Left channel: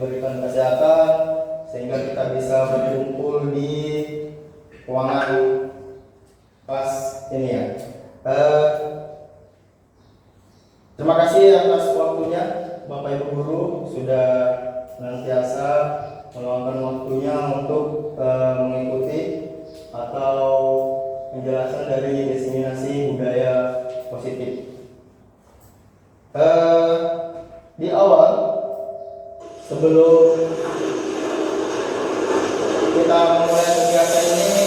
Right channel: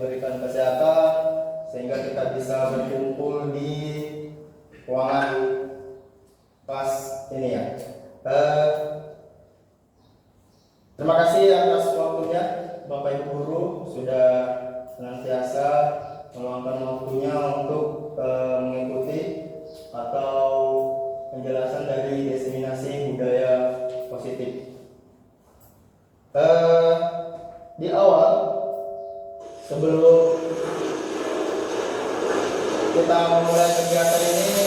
diberikan kesehatan sehingga kita bisa berkumpul di ruangan kelas ini ya. Terima kasih atas waktunya Bapak Ibu Guru sudah senantiasa meluangkan waktunya untuk mengikuti atau penjelasan dari diseminasi budaya positif. Di awal sebelum kita memulai kegiatan ini,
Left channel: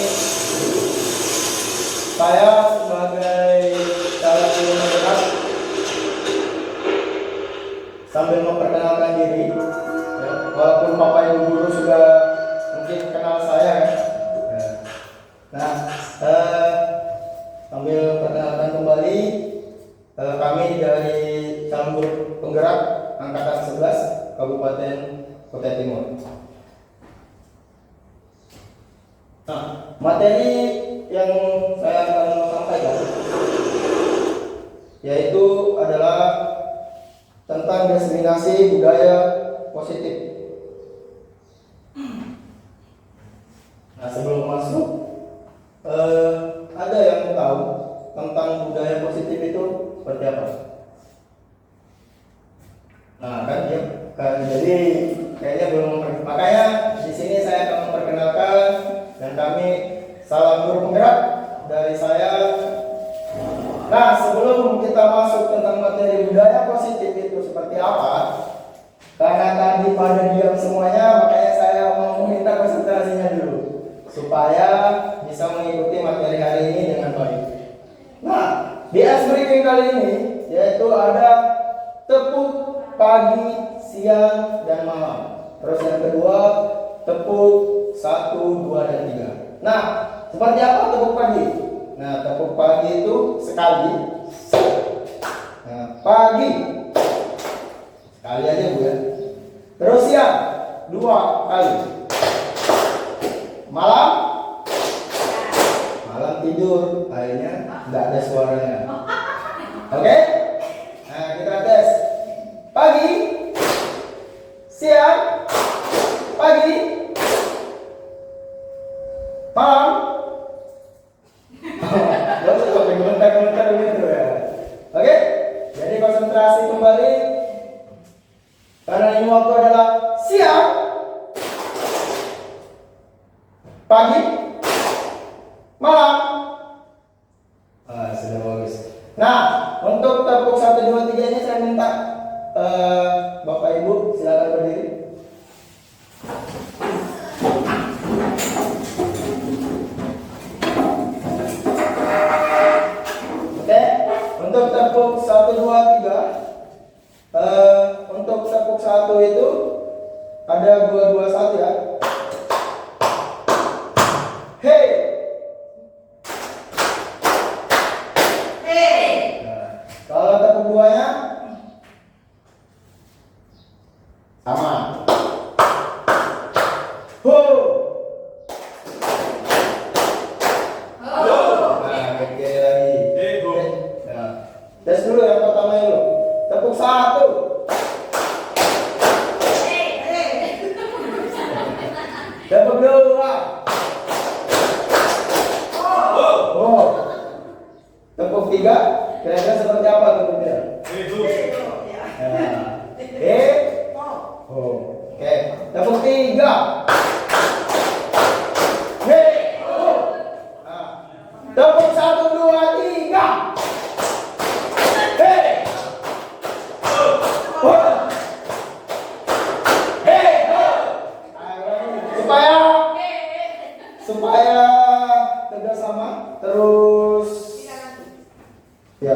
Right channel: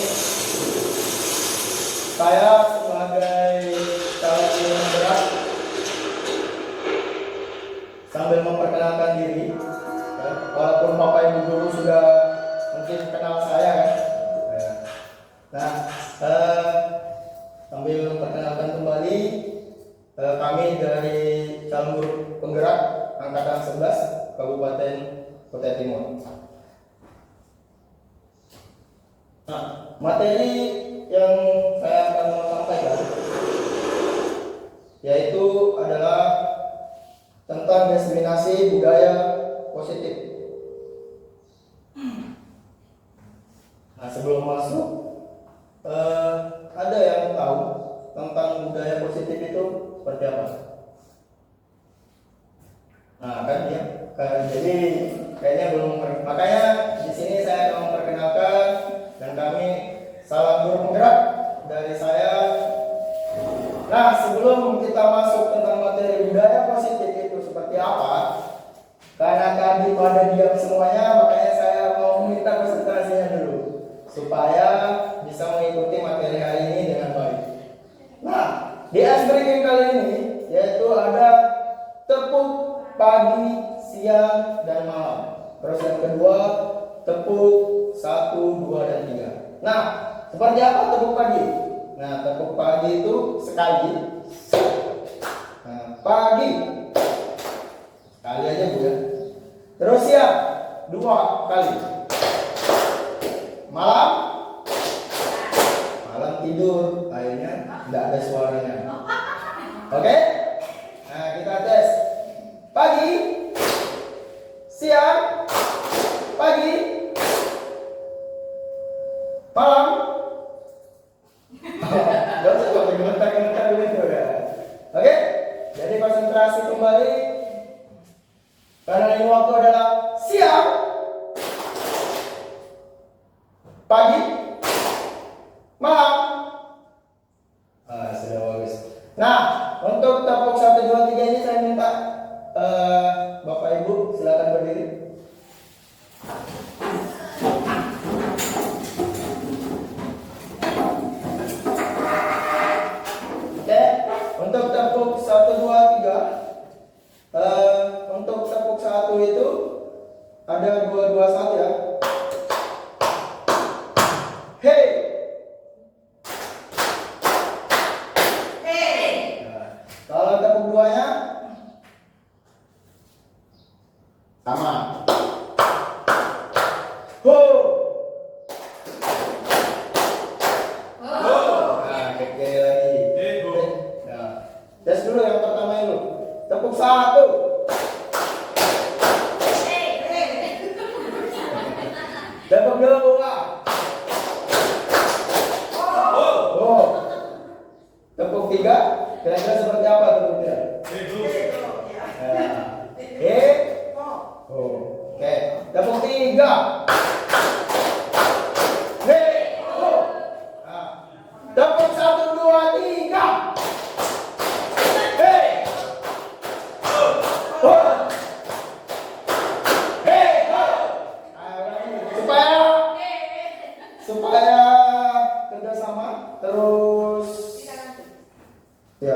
saya sebagai calon guru penggerak sambil memperkenalkan diri, ya, walaupun Bapak Ibu Guru sudah mungkin kenal saya kan. Nah, sambil memperkenalkan kembali, kami dari calon guru penggerak angkatan 11 Kabupaten Kutai Timur. Nah, materi yang saya akan sampaikan yaitu adalah tentang diseminasi budaya positif. Nah, sebelum masuk, ada yang tahu tentang budaya positif itu seperti apa? Nah, kan ya, jadi kayaknya belum. Makanya di sini saya akan memperkenalkan, dan kami salam guru penggerak dari saya. Nah, sebelum kita masuk tentang materi budaya positif itu seperti apa, karena tadi pada diam semuanya, makanya saya mau meminta konsentrasinya dulu supaya bisa mengikuti materi hari ini dengan baik. Nah, di ice breaking kali ini yaitu ada tepuk pagi, siang, dan malam. Terus yang kedua, tepuk 1, 2, dan 3. Nah, seperti apa tepuk pagi? Nah, tepuk pagi itu sekali. Nah, pagi sekali aja Bu ya. Terus siang 2 kali. Malam tidur, akhirnya nggak ada suaranya. Oke? Nah, kita tes. Pagi, siang, pagi, malam. Gak usah pakai komentar-komentar begitu ya. Oke? Jadi konsentrasi kembali. Karena ini waktu adalah siang, pagi, malam. Sudah bagus. Nah, untuk tepuk 1, 2, 3 ini saya minta Bapak Ibu silakan berdiri. Oke, untuk tepuk 1, 2, 3, untuk tepuk 1 itu ada 2, 2, 1 ya. Hey. Kalau tepuk 2-nya sama. Ho. Nah, oke lagi. Nah, tes dulu yang pertama dulu. Tepuk 1. Tepuk 2. Oh. Tepuk 3. Kira-kira seperti apa tepuknya? Oke. Tepuk 3. Tepuk 1, 2, 3. Supaya kerjasama terus ya,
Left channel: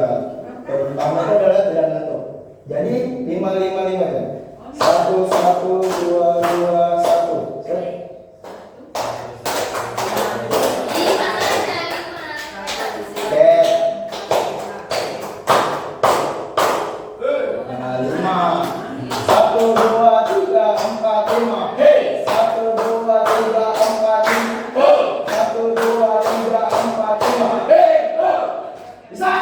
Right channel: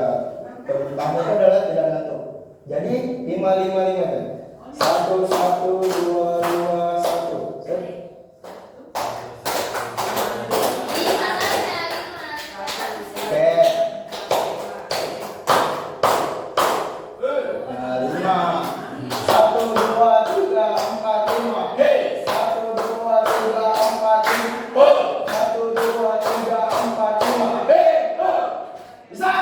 pertama itu adalah tidak ngantuk. Jadi 5, 5, 5 kan? 1, 1, 2, 2, 1. Oke. Nah, 5. 1, 2, 3, 4, 5. Hey, 1, 2, 3, 4, 5. 1, 2, 3, 4, 5. Hey, bisa?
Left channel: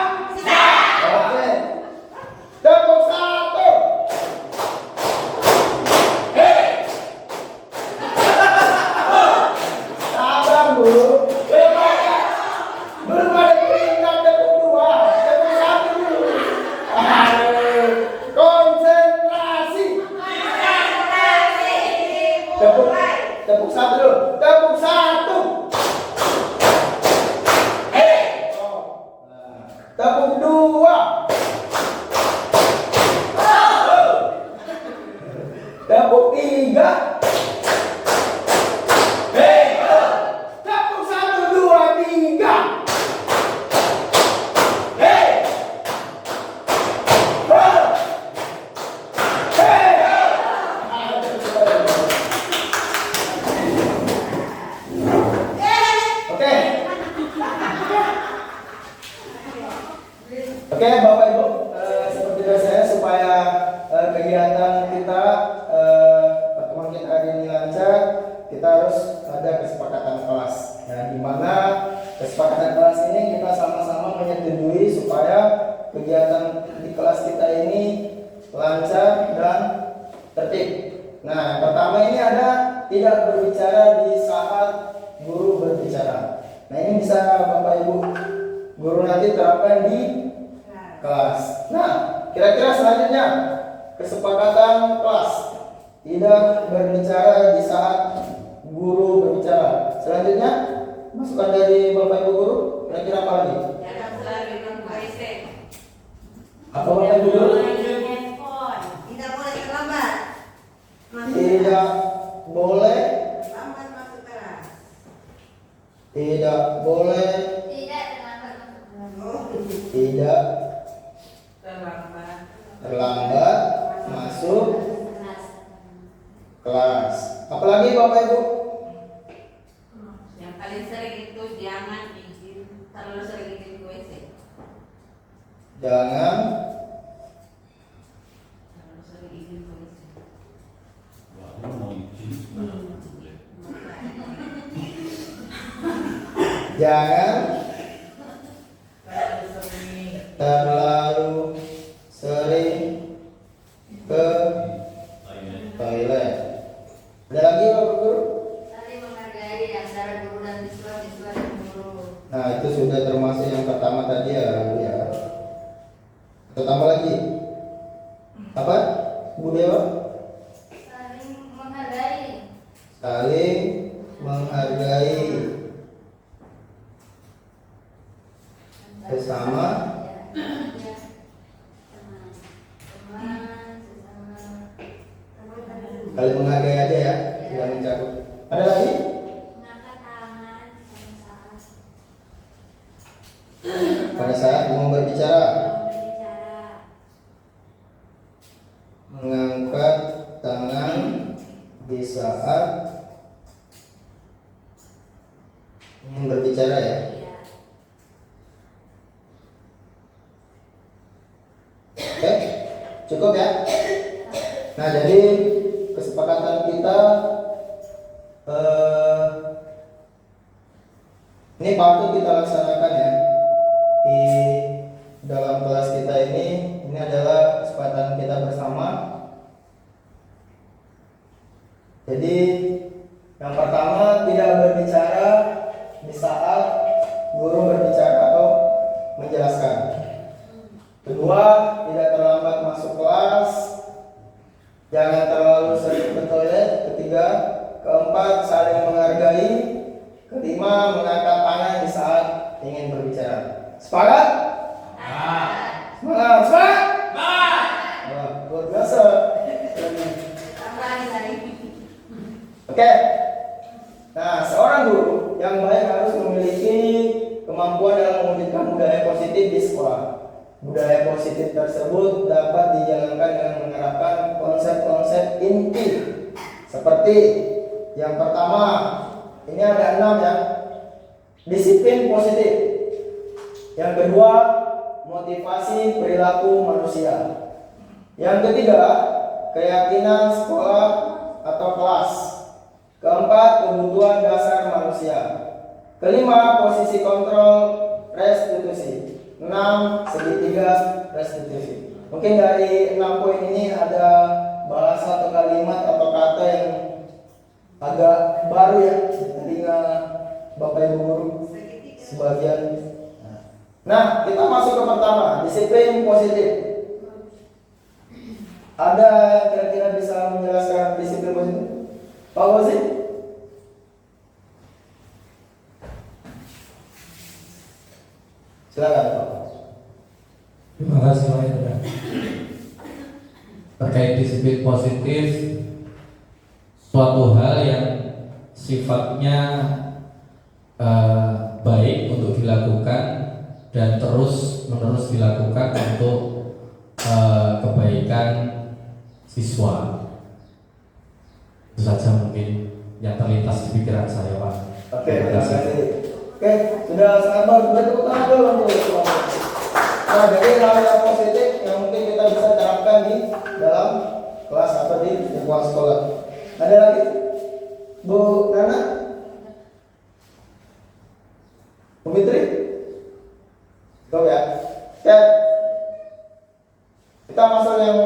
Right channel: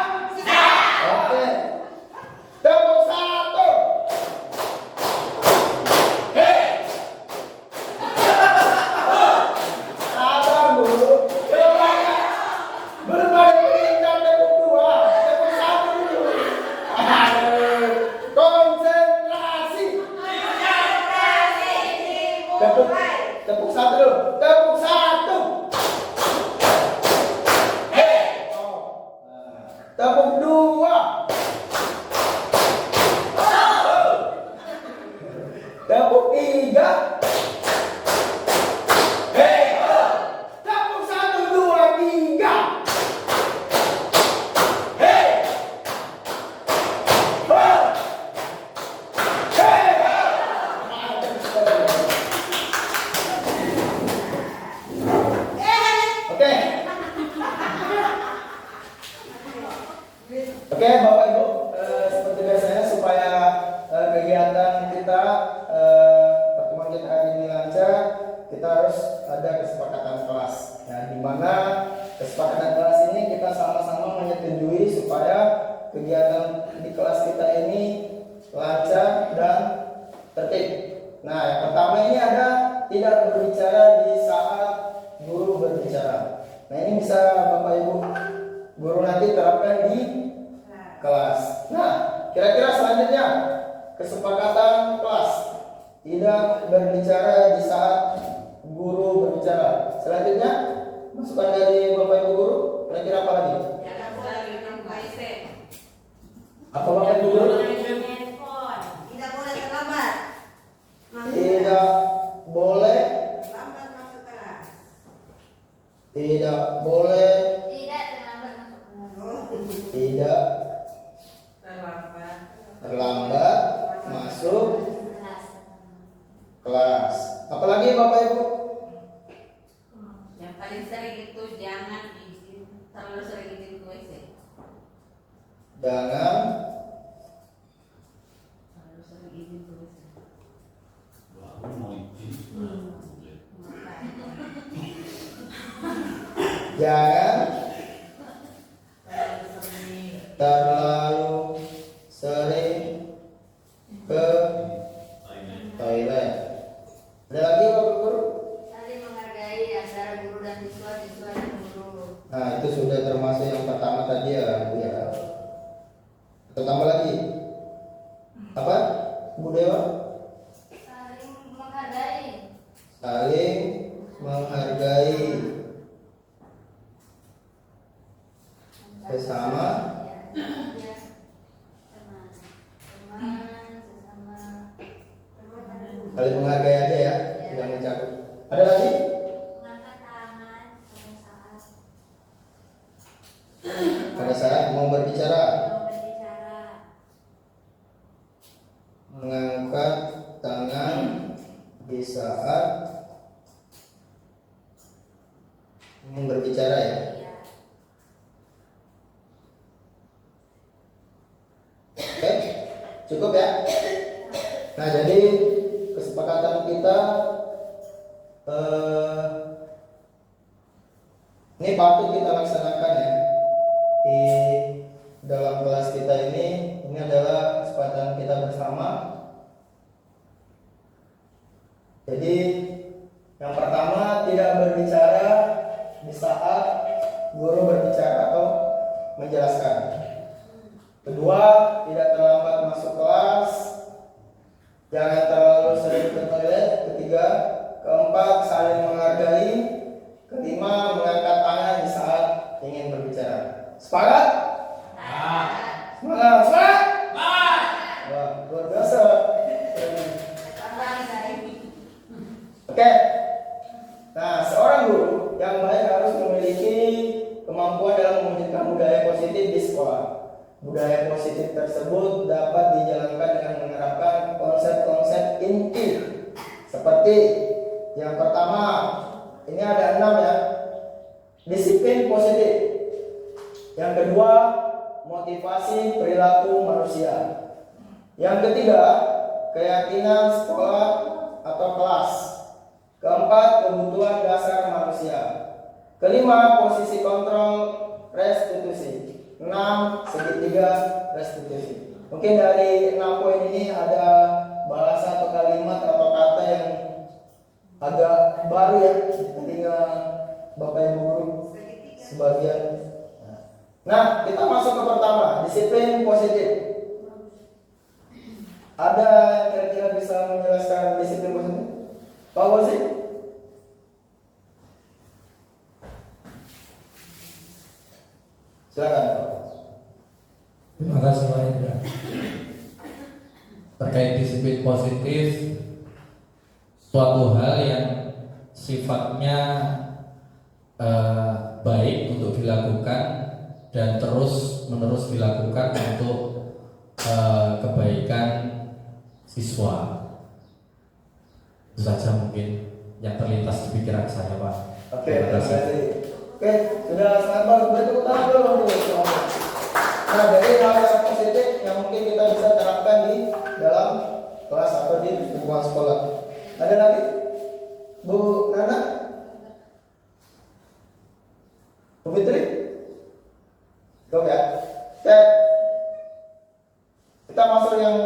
Oke. Tepuk 1. Hey. Tepuk, tepuk satu dulu. Tepuk satu. Tepuk dua. Tepuk tiga. Tepuk satu, dua, tiga. Oke, Bapak Ibu, seperti biasanya supaya kegiatan kita pertemuan kita hari ini lancar, kita harus ada kesepakatan kelas. Nah, di mana kesepakatan kelas ini kita sama-sama menyetujui supaya kegiatan di kelas kita ini lancar dan tertib. Nah, yang pertama ini ada tidak berbicara di saat guru berbicara. Nah, ini bisa Bapak Ibu guru nanti terapkan di kelas. Nah, kira-kira selanjutnya kesepakatan kelas tidak berbicara di saat guru berbicara. Selanjutnya masukan dari Bapak Ibu guru, kira-kira apa lagi? Apa Bapak Ibu guru? Tidak boleh terlambat. Tidak boleh. Lambat masuk kelas. Tidak boleh. Tidak terlambat masuk kelas. Apalagi Bapak Ibu? Yang paling sering itu jangan terlalu sering izin ke WC. Jangan Terlalu sering izin ke WC. jangan Terlalu sering. terlalu sering ke toilet. Ada lagi Bapak Guru? Saling menghargai antara guru dan siswa, siswa dan guru. Nah, itu sudah termasuk yang pertama tadi ya, Bu ya. Kita tambah lagi. Apa? Bu Dewa? Saling menghargai. Saling menghargai sesama. Ya. Teman, Saling menghargai aja ya, tidak mencakup. Ada lagi? mengangkat tangan pada saat Pada saat mau berbicara, berbicara. mengangkat tangan di saat berbicara ya. Oke, cukup ya. Nah, jadi kesepakatan kita ini patut kita laksanakan ya di dalam kelas kita ini. Ini adalah kesepakatan kita bersama. Jadi yang pertama, tidak berbicara di saat guru berbicara atau menjelaskan. Kedua, tidak terlambat masuk kelas. Jangan terlalu sering ke toilet. Ketiga, keempat, saling menghargai. Kelima, mengangkat tangan di saat ingin berbicara. Sepakat? Semangat, semangat! Wah, luar biasa. Tambahan dari Oke. Nah, seorang guru yang baik harus memiliki kemampuan dalam mewujudkan budaya positif di sekolah. Budaya positif tersebut dapat dijalankan dengan menerapkan konsep-konsep inti seperti yang pertama, ini ada 6 ya. Disiplin positif. Yang kedua, motivasi perilaku manusia. Yang ketiga, keyakinan sekolah atau kelas. Keempat, kebutuhan dasar manusia. Kelima, posisi kontrol restitusi. 6, segitiga restitusi. Mungkin dari 6 poin ini ada bahasa atau kalimat atau kata yang agak baru ya di telinga Bapak Ibu guru sebagian. Nah, kita masuk ke pertama, disiplin positif. Ada yang kira-kira bisa menjelaskan disiplin positif? Pak Fauzi? Silakan Pak. Terima kasih Pak Indra. Terkait disiplin positif, suatu hal yang sifatnya baik untuk dilakukan dan terus menerus dilakukan untuk kebaikan siswa. Itu saja mungkin yang terlintas di pikiran saya, Pak. Oke, terima kasih. Oke, sudah sabar, sudah tepuk tangan dulu untuk semua. Nah, jadi hal yang positif yang mungkin kita bisa terapkan di dalam kelas atau di lingkungan sekolah. Ada lagi? Bu Nana? Bu Fitri? Go ya. Oke. Kita masuk yang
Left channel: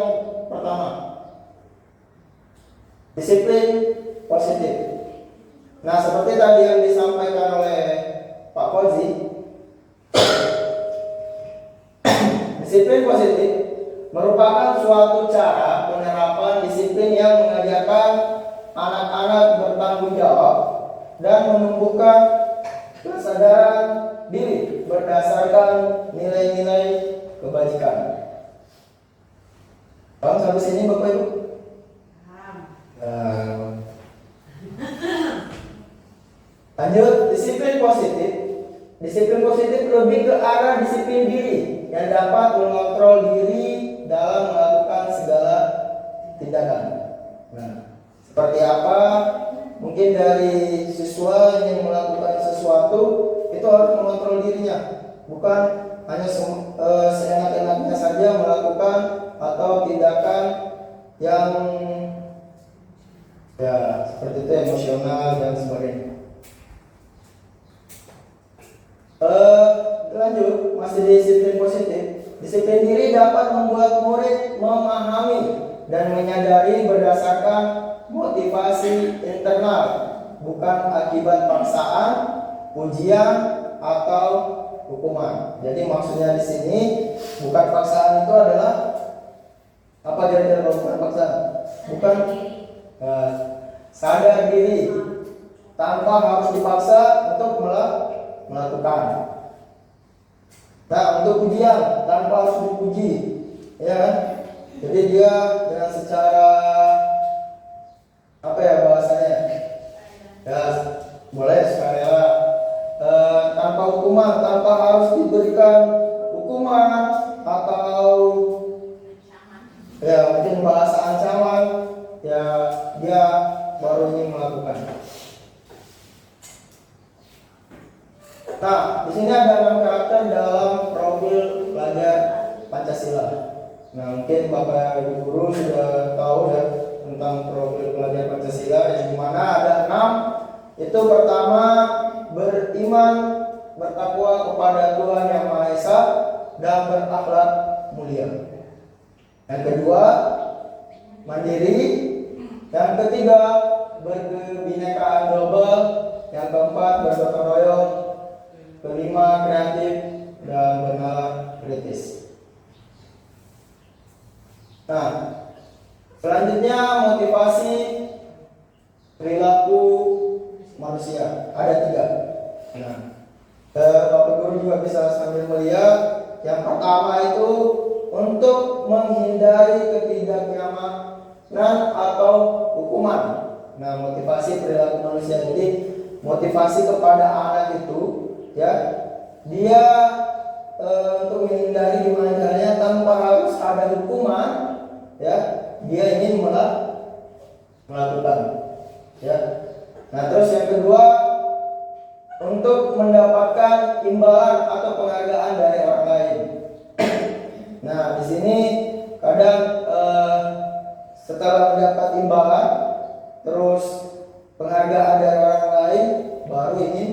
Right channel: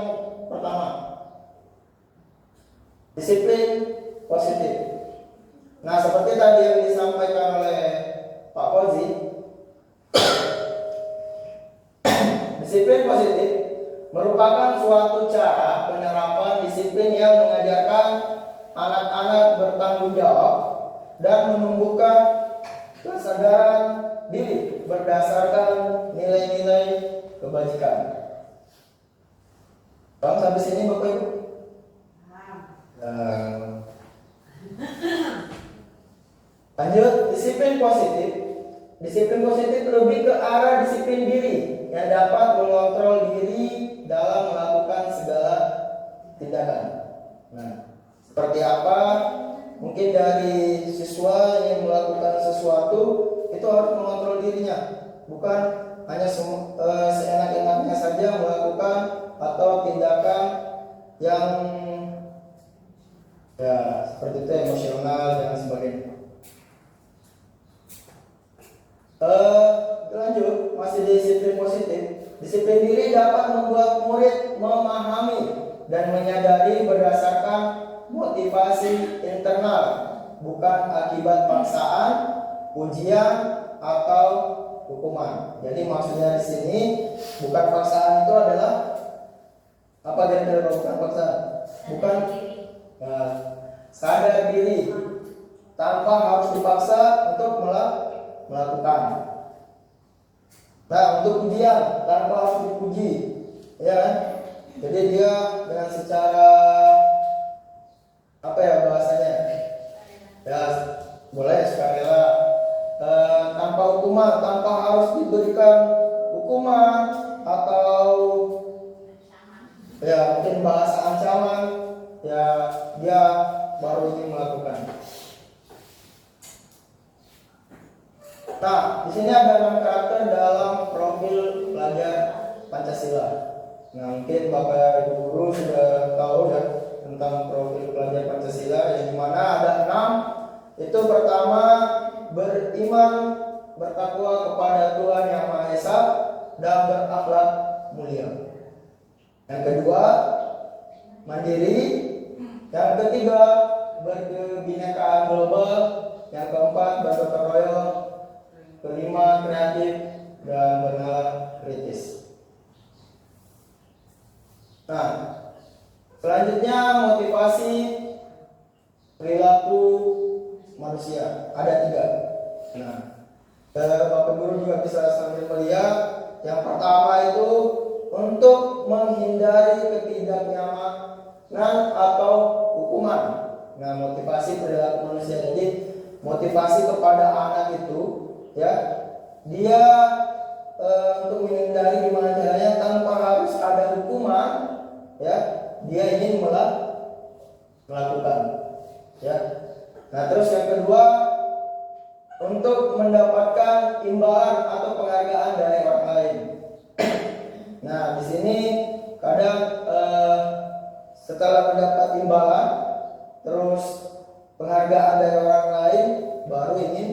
pertama. Disiplin positif. Nah, seperti tadi yang disampaikan oleh Pak Fauzi, disiplin positif merupakan suatu cara penerapan disiplin yang mengajarkan anak-anak bertanggung jawab dan menumbuhkan kesadaran diri berdasarkan nilai-nilai kebajikan. Paham sampai sini Bapak Ibu? Lanjut, disiplin positif. Disiplin positif lebih ke arah disiplin diri yang dapat mengontrol diri dalam melakukan segala tindakan. Nah, seperti apa? Mungkin dari siswa yang melakukan sesuatu itu harus mengontrol dirinya, bukan hanya seenak-enaknya saja melakukan atau tindakan yang ya seperti itu emosional dan sebagainya. Lanjut, masih disiplin positif. Disiplin diri dapat membuat murid memahami dan menyadari berdasarkan motivasi internal, bukan akibat paksaan, pujian atau hukuman. Jadi maksudnya di sini bukan paksaan itu adalah apa kira-kira bukan paksaan? Bukan sadar diri tanpa harus dipaksa untuk melakukan. Nah, untuk pujian tanpa harus dipuji, ya kan? Jadi dia dengan secara apa ya bahasanya? Ya, boleh sukarela, tanpa hukuman, tanpa harus diberikan hukuman atau ya mungkin bahasa ancaman, ya dia baru ingin melakukan. Nah, di sini ada 6 karakter dalam profil pelajar Pancasila. Nah, mungkin Bapak Ibu guru sudah tahu ya tentang profil pelajar Pancasila, yang dimana ada 6. Itu pertama, beriman, bertakwa kepada Tuhan Yang Maha Esa dan berakhlak mulia. Yang kedua, mandiri. Yang ketiga, berkebinekaan global. Yang keempat, bergotong royong. Kelima, kreatif dan bernalar kritis. Nah, selanjutnya motivasi perilaku manusia ada 3. Nah, Bapak Guru juga bisa sambil melihat. Yang pertama itu untuk menghindari ketidaknyamanan atau hukuman. Nah, motivasi perilaku manusia, jadi motivasi kepada anak itu ya dia untuk menghindari gimana caranya tanpa harus ada hukuman, ya dia ingin melakukan, ya. Nah, terus yang kedua, untuk mendapatkan imbalan atau penghargaan dari orang lain. Nah, di sini kadang setelah mendapat imbalan terus penghargaan dari orang lain baru ingin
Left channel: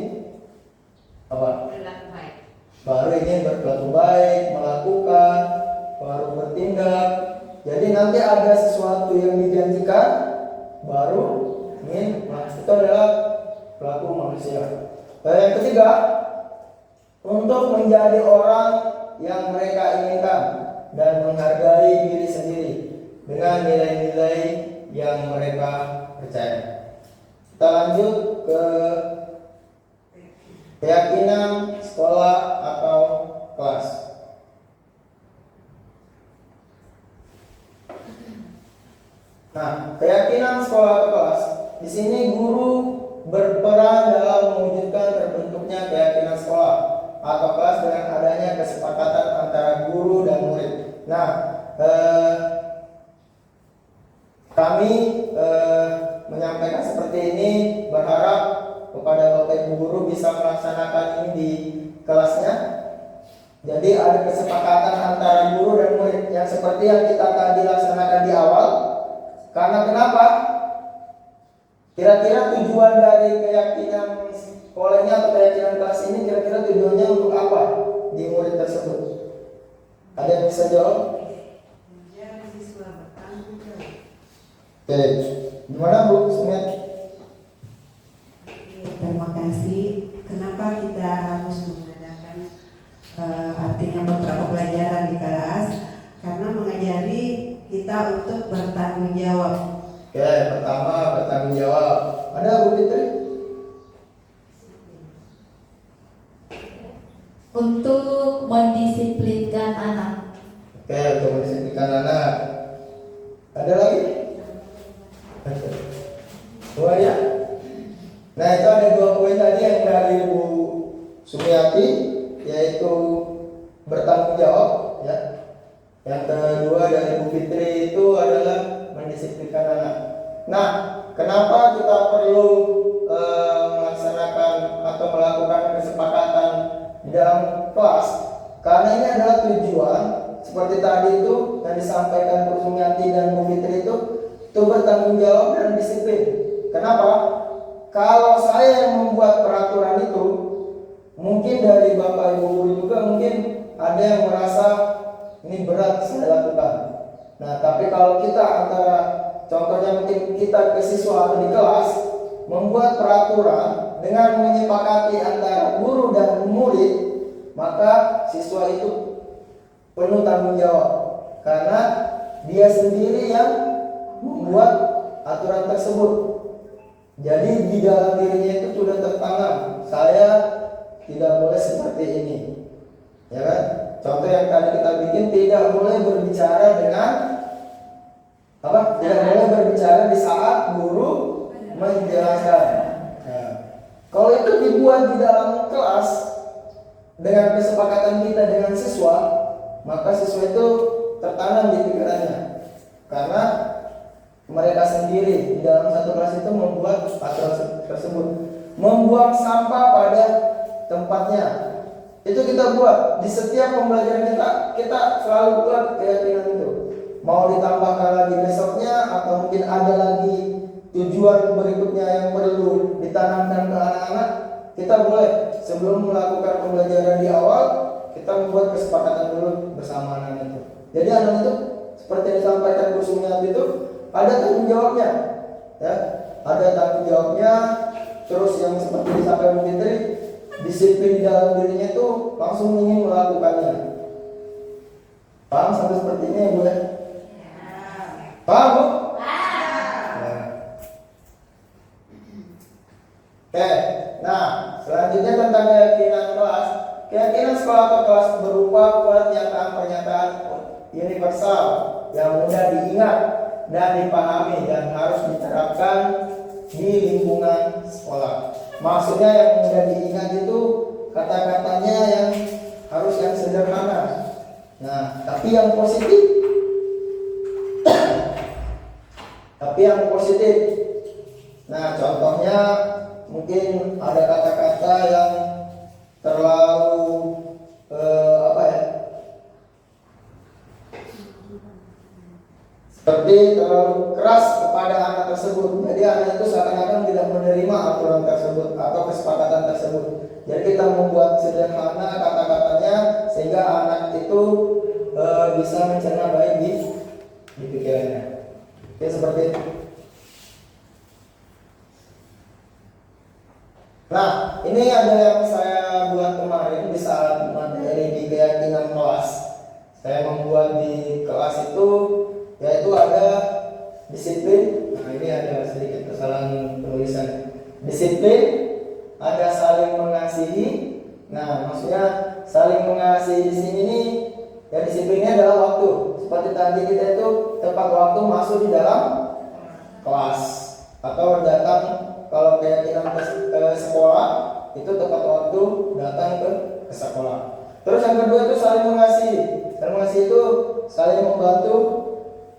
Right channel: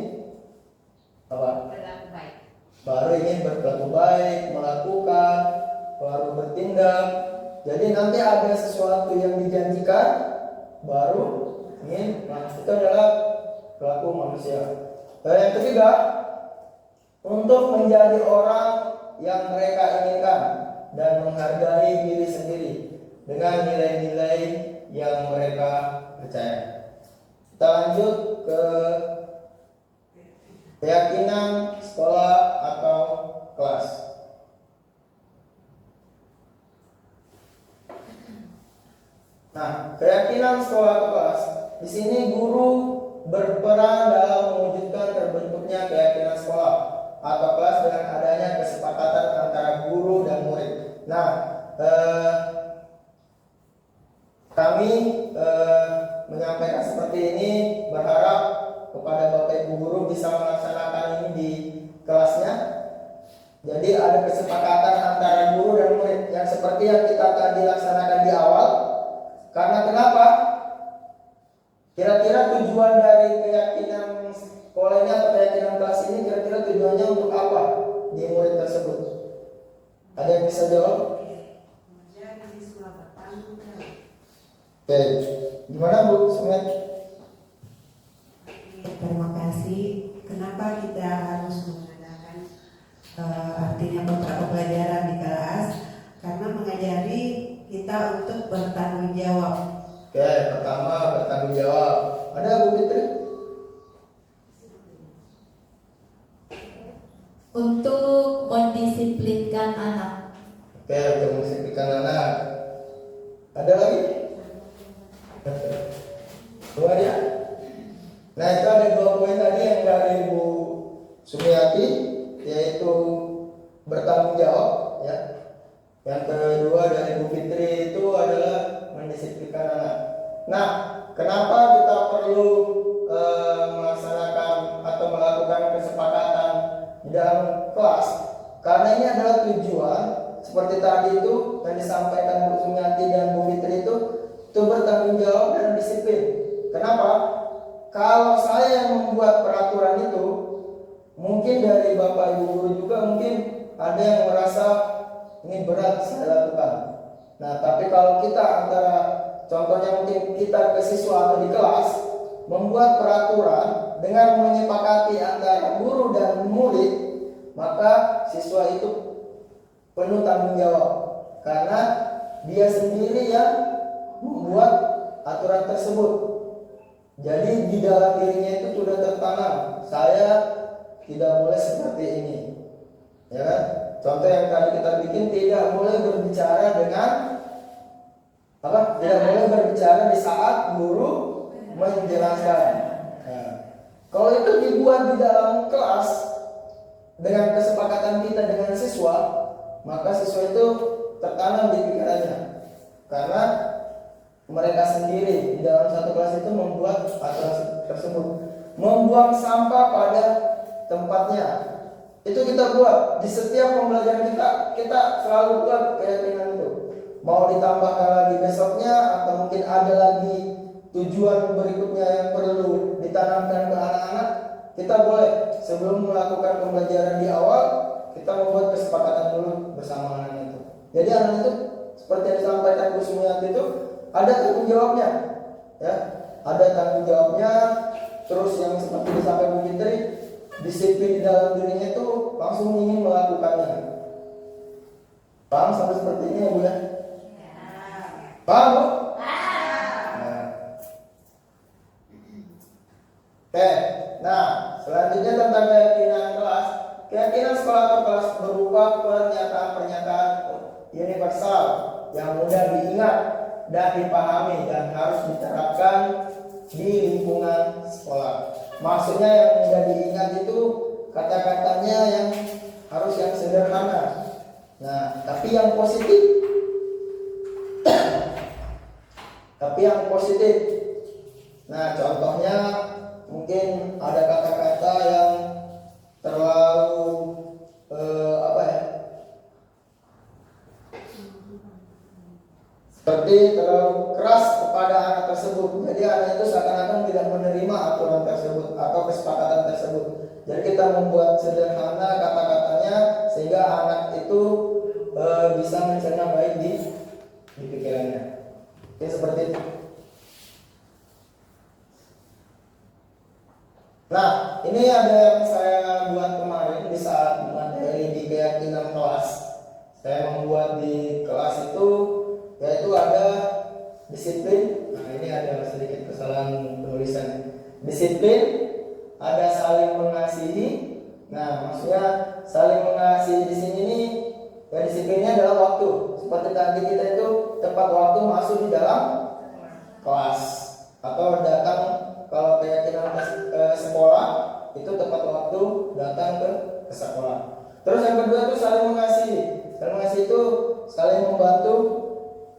apa? Baru ingin berlaku baik, melakukan, baru bertindak. Jadi nanti ada sesuatu yang dijanjikan, baru ingin. Nah, itu adalah perilaku manusia. Dan yang ketiga, untuk menjadi orang yang mereka inginkan dan menghargai diri sendiri dengan nilai-nilai yang mereka percaya. Kita lanjut ke keyakinan sekolah atau kelas. Nah, keyakinan sekolah atau kelas, di sini guru berperan dalam mewujudkan terbentuknya keyakinan sekolah atau kelas dengan adanya kesepakatan antara guru dan murid. Nah, kami menyampaikan seperti ini, berharap kepada Bapak Ibu guru bisa melaksanakan ini di kelasnya. Jadi ada kesepakatan antara guru dan murid yang seperti yang kita tadi laksanakan di awal. Karena kenapa? Kira-kira tujuan dari keyakinan sekolah ini atau keyakinan kelas ini kira-kira tujuannya untuk apa di murid tersebut? Ada yang bisa jawab? Menjadi siswa bertanggung jawab. Oke, gimana Bu Sumet? Terima kasih. Kenapa kita harus mengadakan artinya beberapa pelajaran di kelas? Karena mengajari kita untuk bertanggung jawab. Oke, pertama bertanggung jawab. Ada Bu Fitri? Untuk mendisiplinkan anak. Oke, untuk mendisiplinkan anak. Ada lagi? Dua ya? Nah, itu ada 2 poin tadi yang dari Bu Sumiati, yaitu bertanggung jawab ya. Yang kedua dari Bu Fitri itu adalah mendisiplinkan anak. Nah, kenapa kita perlu melaksanakan atau melakukan kesepakatan di dalam kelas? Karena ini adalah tujuan seperti tadi itu yang disampaikan Bu Sumiati dan Bu Fitri itu bertanggung jawab dan disiplin. Kenapa? Kalau saya yang membuat peraturan itu, mungkin dari Bapak Ibu guru juga mungkin ada yang merasa ini berat saya lakukan. Nah, tapi kalau kita antara contohnya mungkin kita ke siswa atau di kelas membuat peraturan dengan menyepakati antara guru dan murid, maka siswa itu penuh tanggung jawab karena dia sendiri yang membuat aturan tersebut. Jadi di dalam dirinya itu sudah tertanam, saya tidak boleh seperti ini, ya kan? Contoh yang tadi kita bikin, tidak boleh berbicara dengan apa? Tidak boleh berbicara di saat guru menjelaskan. Ya. Kalau itu dibuat di dalam kelas dengan kesepakatan kita dengan siswa, maka siswa itu tertanam di pikirannya, karena mereka sendiri di dalam satu kelas itu membuat aturan tersebut. Membuang sampah pada tempatnya itu kita buat di setiap pembelajaran kita selalu buat keyakinan itu. Mau ditambahkan lagi besoknya atau mungkin ada lagi tujuan berikutnya yang perlu ditanamkan ke anak-anak, kita boleh sebelum melakukan pembelajaran di awal kita membuat kesepakatan dulu bersama anak itu. Jadi anak itu seperti yang disampaikan Bu Sumiati itu ada tanggung jawabnya, ya, ada tanggung jawabnya. Terus yang seperti disampaikan Bu Fitri, disiplin dalam dirinya itu langsung ingin melakukannya. Paham sampai seperti ini ya Bu ya? Paham Bu? Nah. Oke, nah selanjutnya tentang keyakinan kelas. Keyakinan sekolah atau kelas berupa pernyataan-pernyataan universal yang mudah diingat dan dipahami dan harus diterapkan di lingkungan sekolah. Maksudnya yang mudah diingat itu kata-katanya yang harus yang sederhana. Nah, tapi yang positif. Nah, contohnya mungkin ada kata-kata yang terlalu seperti terlalu keras kepada anak tersebut. Jadi anak itu seakan-akan tidak menerima aturan tersebut atau kesepakatan tersebut. Jadi kita membuat sederhana kata-katanya sehingga anak itu bisa mencerna baik di pikirannya. Oke, seperti itu. Nah, ini ada yang saya buat kemarin di saat materi di keyakinan kelas. Saya membuat di kelas itu yaitu ada disiplin. Nah, ini ada sedikit kesalahan penulisan. disiplin, ada saling mengasihi. Nah, maksudnya saling mengasihi di sini nih, ya disiplinnya adalah waktu. Seperti tadi kita itu tepat waktu masuk di dalam kelas atau datang, kalau kayak kita ke sekolah itu tepat waktu datang ke sekolah. Terus yang kedua itu saling mengasihi. Saling mengasihi itu saling membantu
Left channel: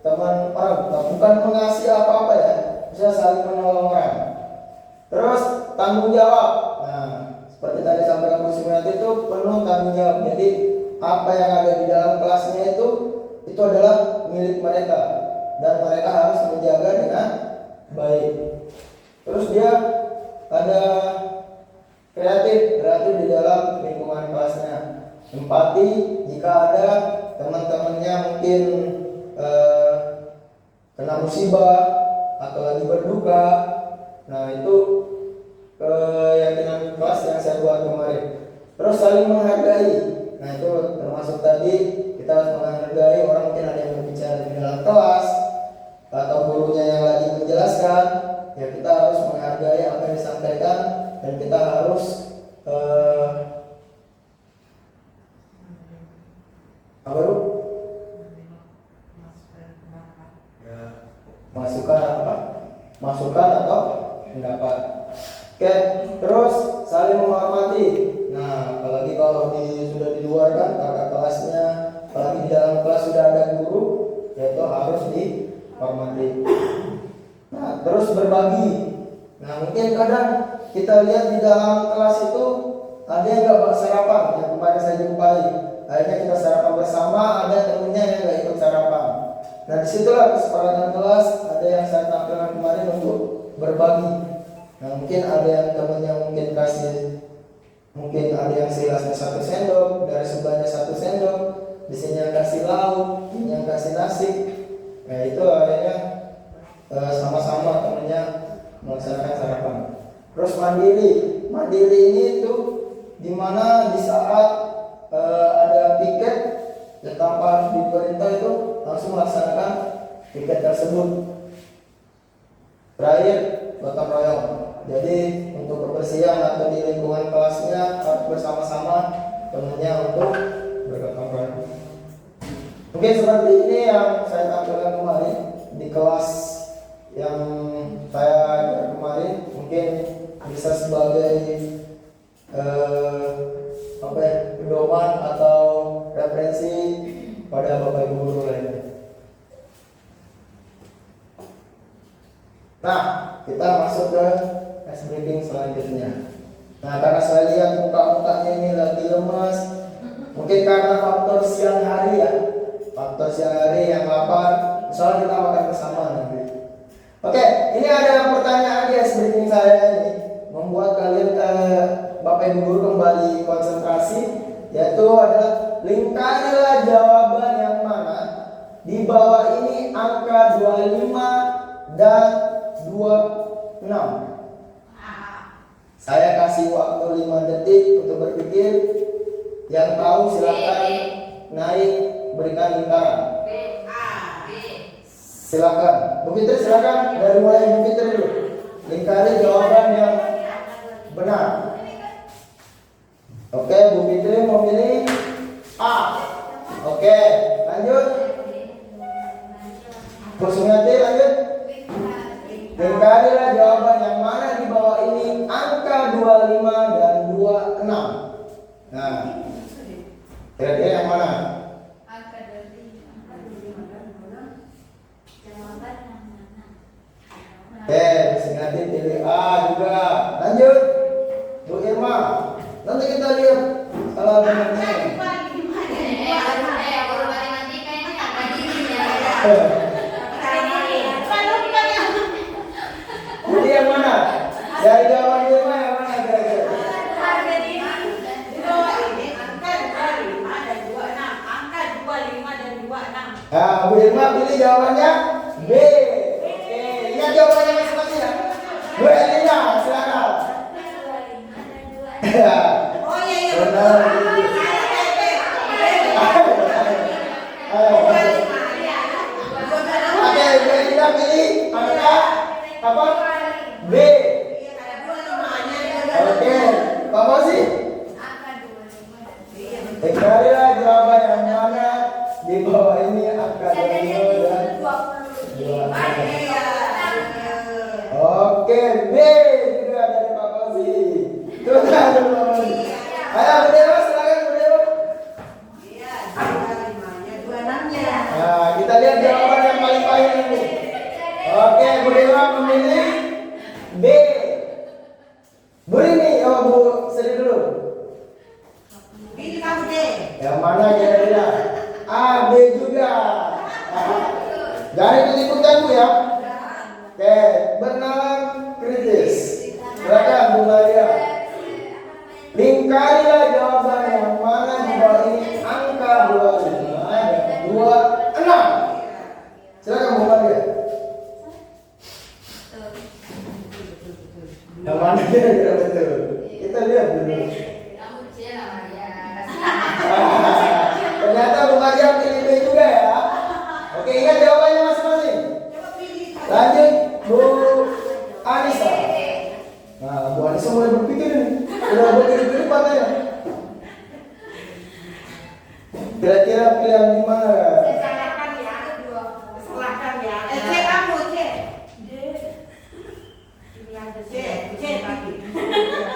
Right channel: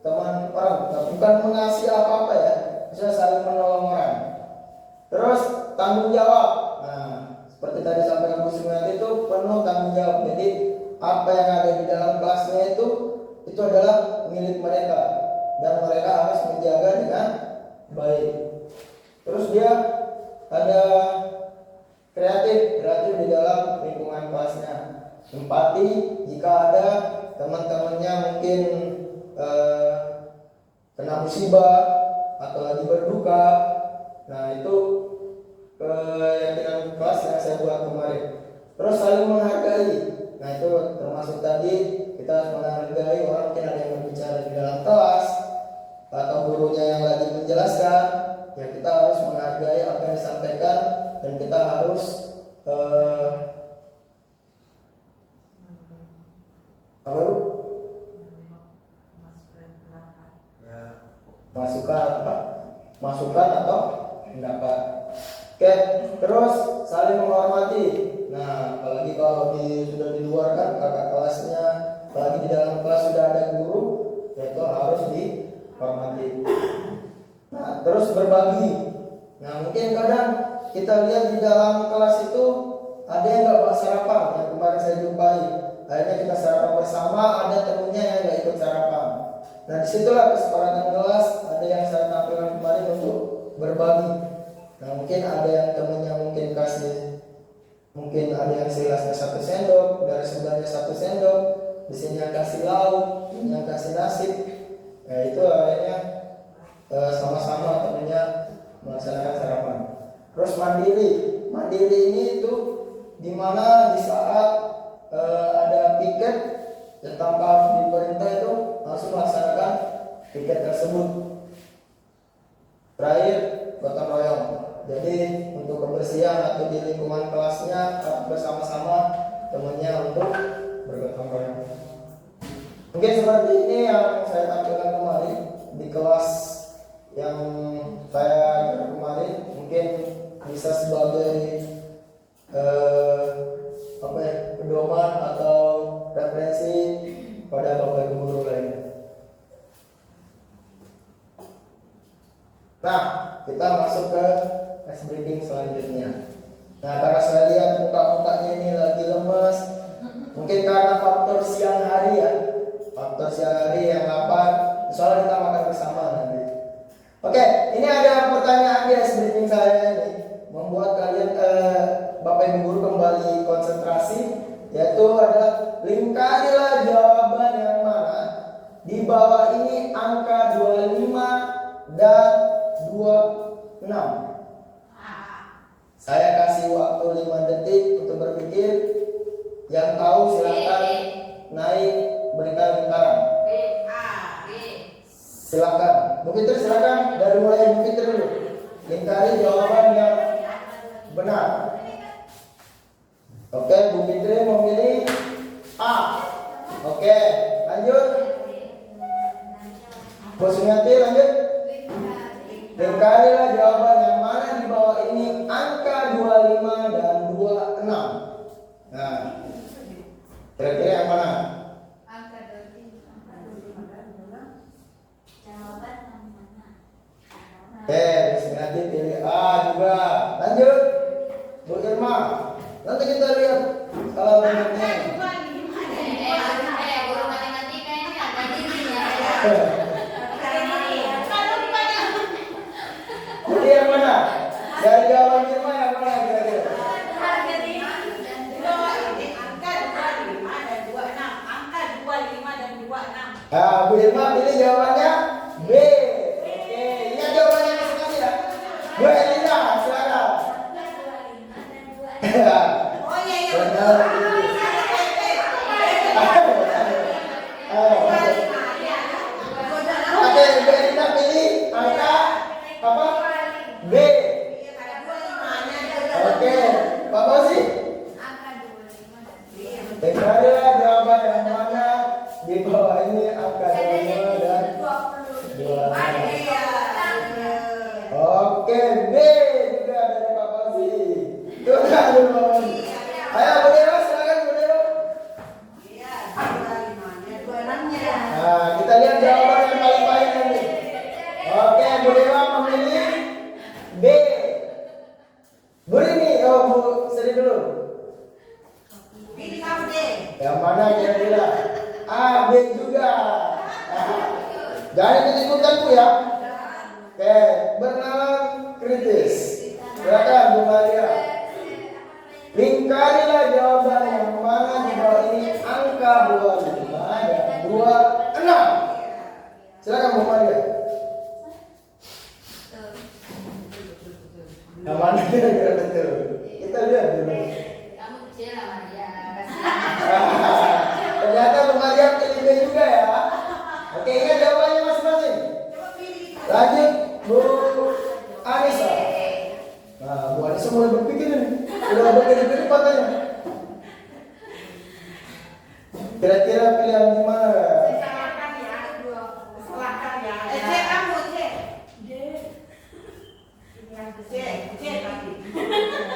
teman orang, nah, bukan mengasihi apa-apa ya, bisa saling menolong orang. Terus tanggung jawab. Nah, seperti tadi sampaikan Bu Sumiati itu penuh tanggung jawab. Jadi apa yang ada di dalam kelasnya itu adalah milik mereka dan mereka harus menjaga dengan baik. Terus dia ada kreatif di dalam lingkungan kelasnya. Empati jika ada teman-temannya mungkin kena musibah atau lagi berduka. Nah, itu keyakinan kelas yang saya buat kemarin. Terus saling menghargai. Nah, itu termasuk tadi kita harus menghargai orang, mungkin ada yang berbicara di dalam kelas atau gurunya yang lagi menjelaskan. Ya, kita harus menghargai apa yang disampaikan dan kita harus apa itu? Masukan atau pendapat. Oke, terus saling menghormati. Nah, apalagi kalau sudah di luar kan kakak kelasnya, apalagi di dalam kelas sudah ada guru, yaitu harus dihormati. Nah, terus berbagi. Nah, mungkin kadang kita lihat di dalam kelas itu ada yang nggak bawa sarapan, yang kemarin saya jumpai. Akhirnya kita sarapan bersama, ada temennya yang nggak ikut sarapan. Nah, disitulah kesepakatan kelas, ada yang saya tampilkan kemarin untuk berbagi. Nah, mungkin ada yang temennya mungkin kasih, mungkin ada yang segelasnya 1 sendok, dari sebelahnya 1 sendok, di sini yang kasih lauk, ini yang kasih nasi. Nah, itu akhirnya sama-sama temennya melaksanakan sarapan. Terus mandiri ini itu dimana di saat ada piket ya, tanpa harus diperintah itu langsung melaksanakan piket tersebut. Terakhir, gotong royong. Jadi untuk kebersihan atau di lingkungan kelasnya harus bersama-sama temannya untuk bergotong royong. Mungkin seperti ini yang saya tampilkan kemarin di kelas yang saya ajar kemarin, mungkin bisa sebagai pedoman atau referensi pada Bapak Ibu guru lainnya. Nah, kita masuk ke ice breaking selanjutnya. Nah, karena saya lihat muka-mukanya ini lagi lemas, mungkin karena faktor siang hari ya, faktor siang hari yang lapar, soalnya kita makan bersama nanti. Oke, ini ada pertanyaan di ice breaking saya ini, membuat kalian Bapak Ibu guru kembali konsentrasi, yaitu adalah lingkarilah jawaban yang mana di bawah ini angka 25 dan 26. Saya kasih waktu 5 detik untuk berpikir. Yang tahu silakan naik berikan lingkaran. Silakan. Bu Fitri silakan, dari mulai Bu Fitri dulu. Lingkari jawaban yang benar. Oke, Bu Fitri memilih A. Oke, lanjut. Bu Sumiati lanjut. Lingkarilah jawaban yang mana di bawah ini angka 25 dan 26. Nah, kira-kira yang mana? Angka 25 dan 26. Jawaban yang mana? Oke, Bu Sumiati pilih A juga. Lanjut, Bu Irma. Nanti kita lihat kalau benar. Guru matematika ini angka diri ya. Jadi yang mana? Dari jawaban Irma yang mana kira-kira? Harga diri di bawah ini angka 25 dan 26. Angka 25 dan 26. Nah, Bu Irma pilih jawabannya B. Oke, ingat jawabannya masing-masing ya. Bu Elina, silakan. Oh iya. Benar. Oke, Bu Elina pilih angka apa? B. Yang mana kira-kira betul? Kita lihat dulu. Kamu kecil sama dia. Ternyata Bu Maria pilih B juga ya. Oke, ingat jawabannya masing-masing. Coba pilih. Lanjut Bu Anissa. Nah, Bu Anissa mulai berpikir nih. Udah berpikir-pikir katanya. Kira-kira pilihan di mana? Salahkan ya. Salahkan ya. C kamu C. C tapi.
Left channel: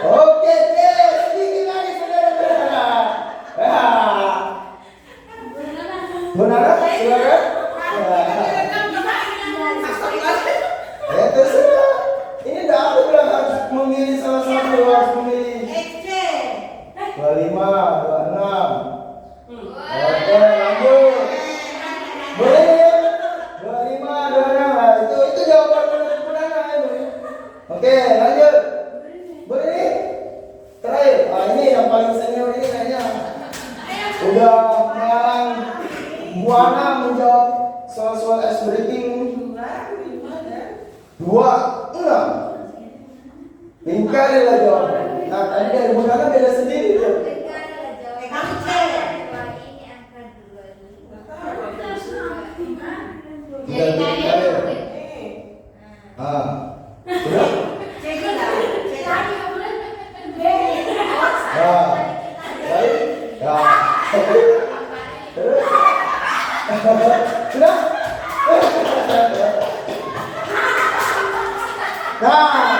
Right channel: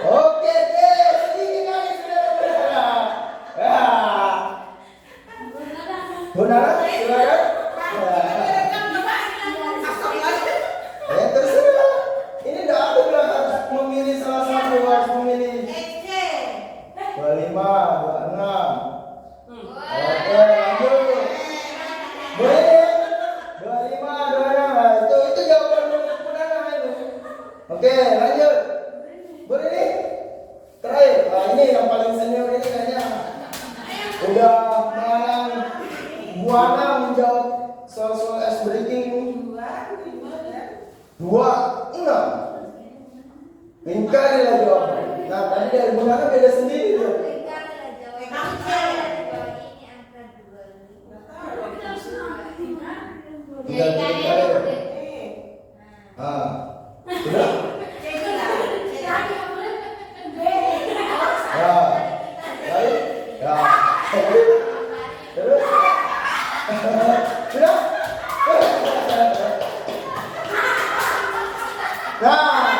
Oke, sedikit lagi saudara-saudara. Ya. Bu Nana, silakan. Ya terserah. Ini dah aku bilang harus memilih salah satu, harus memilih. 25, 26. Oke, lanjut. Boleh. 25, 26. Nah, itu jawaban benar itu. Oke, lanjut. Boleh nih. Terakhir. Nah, ini yang paling senior ini kayaknya udah mengarang buana menjawab soal-soal ice breaking. 26. Lingkarilah jawaban. Nah, tadi dari Bu Nana beda sendiri tuh. Sudah? Baik. Ya. Terus? Sudah? Nah,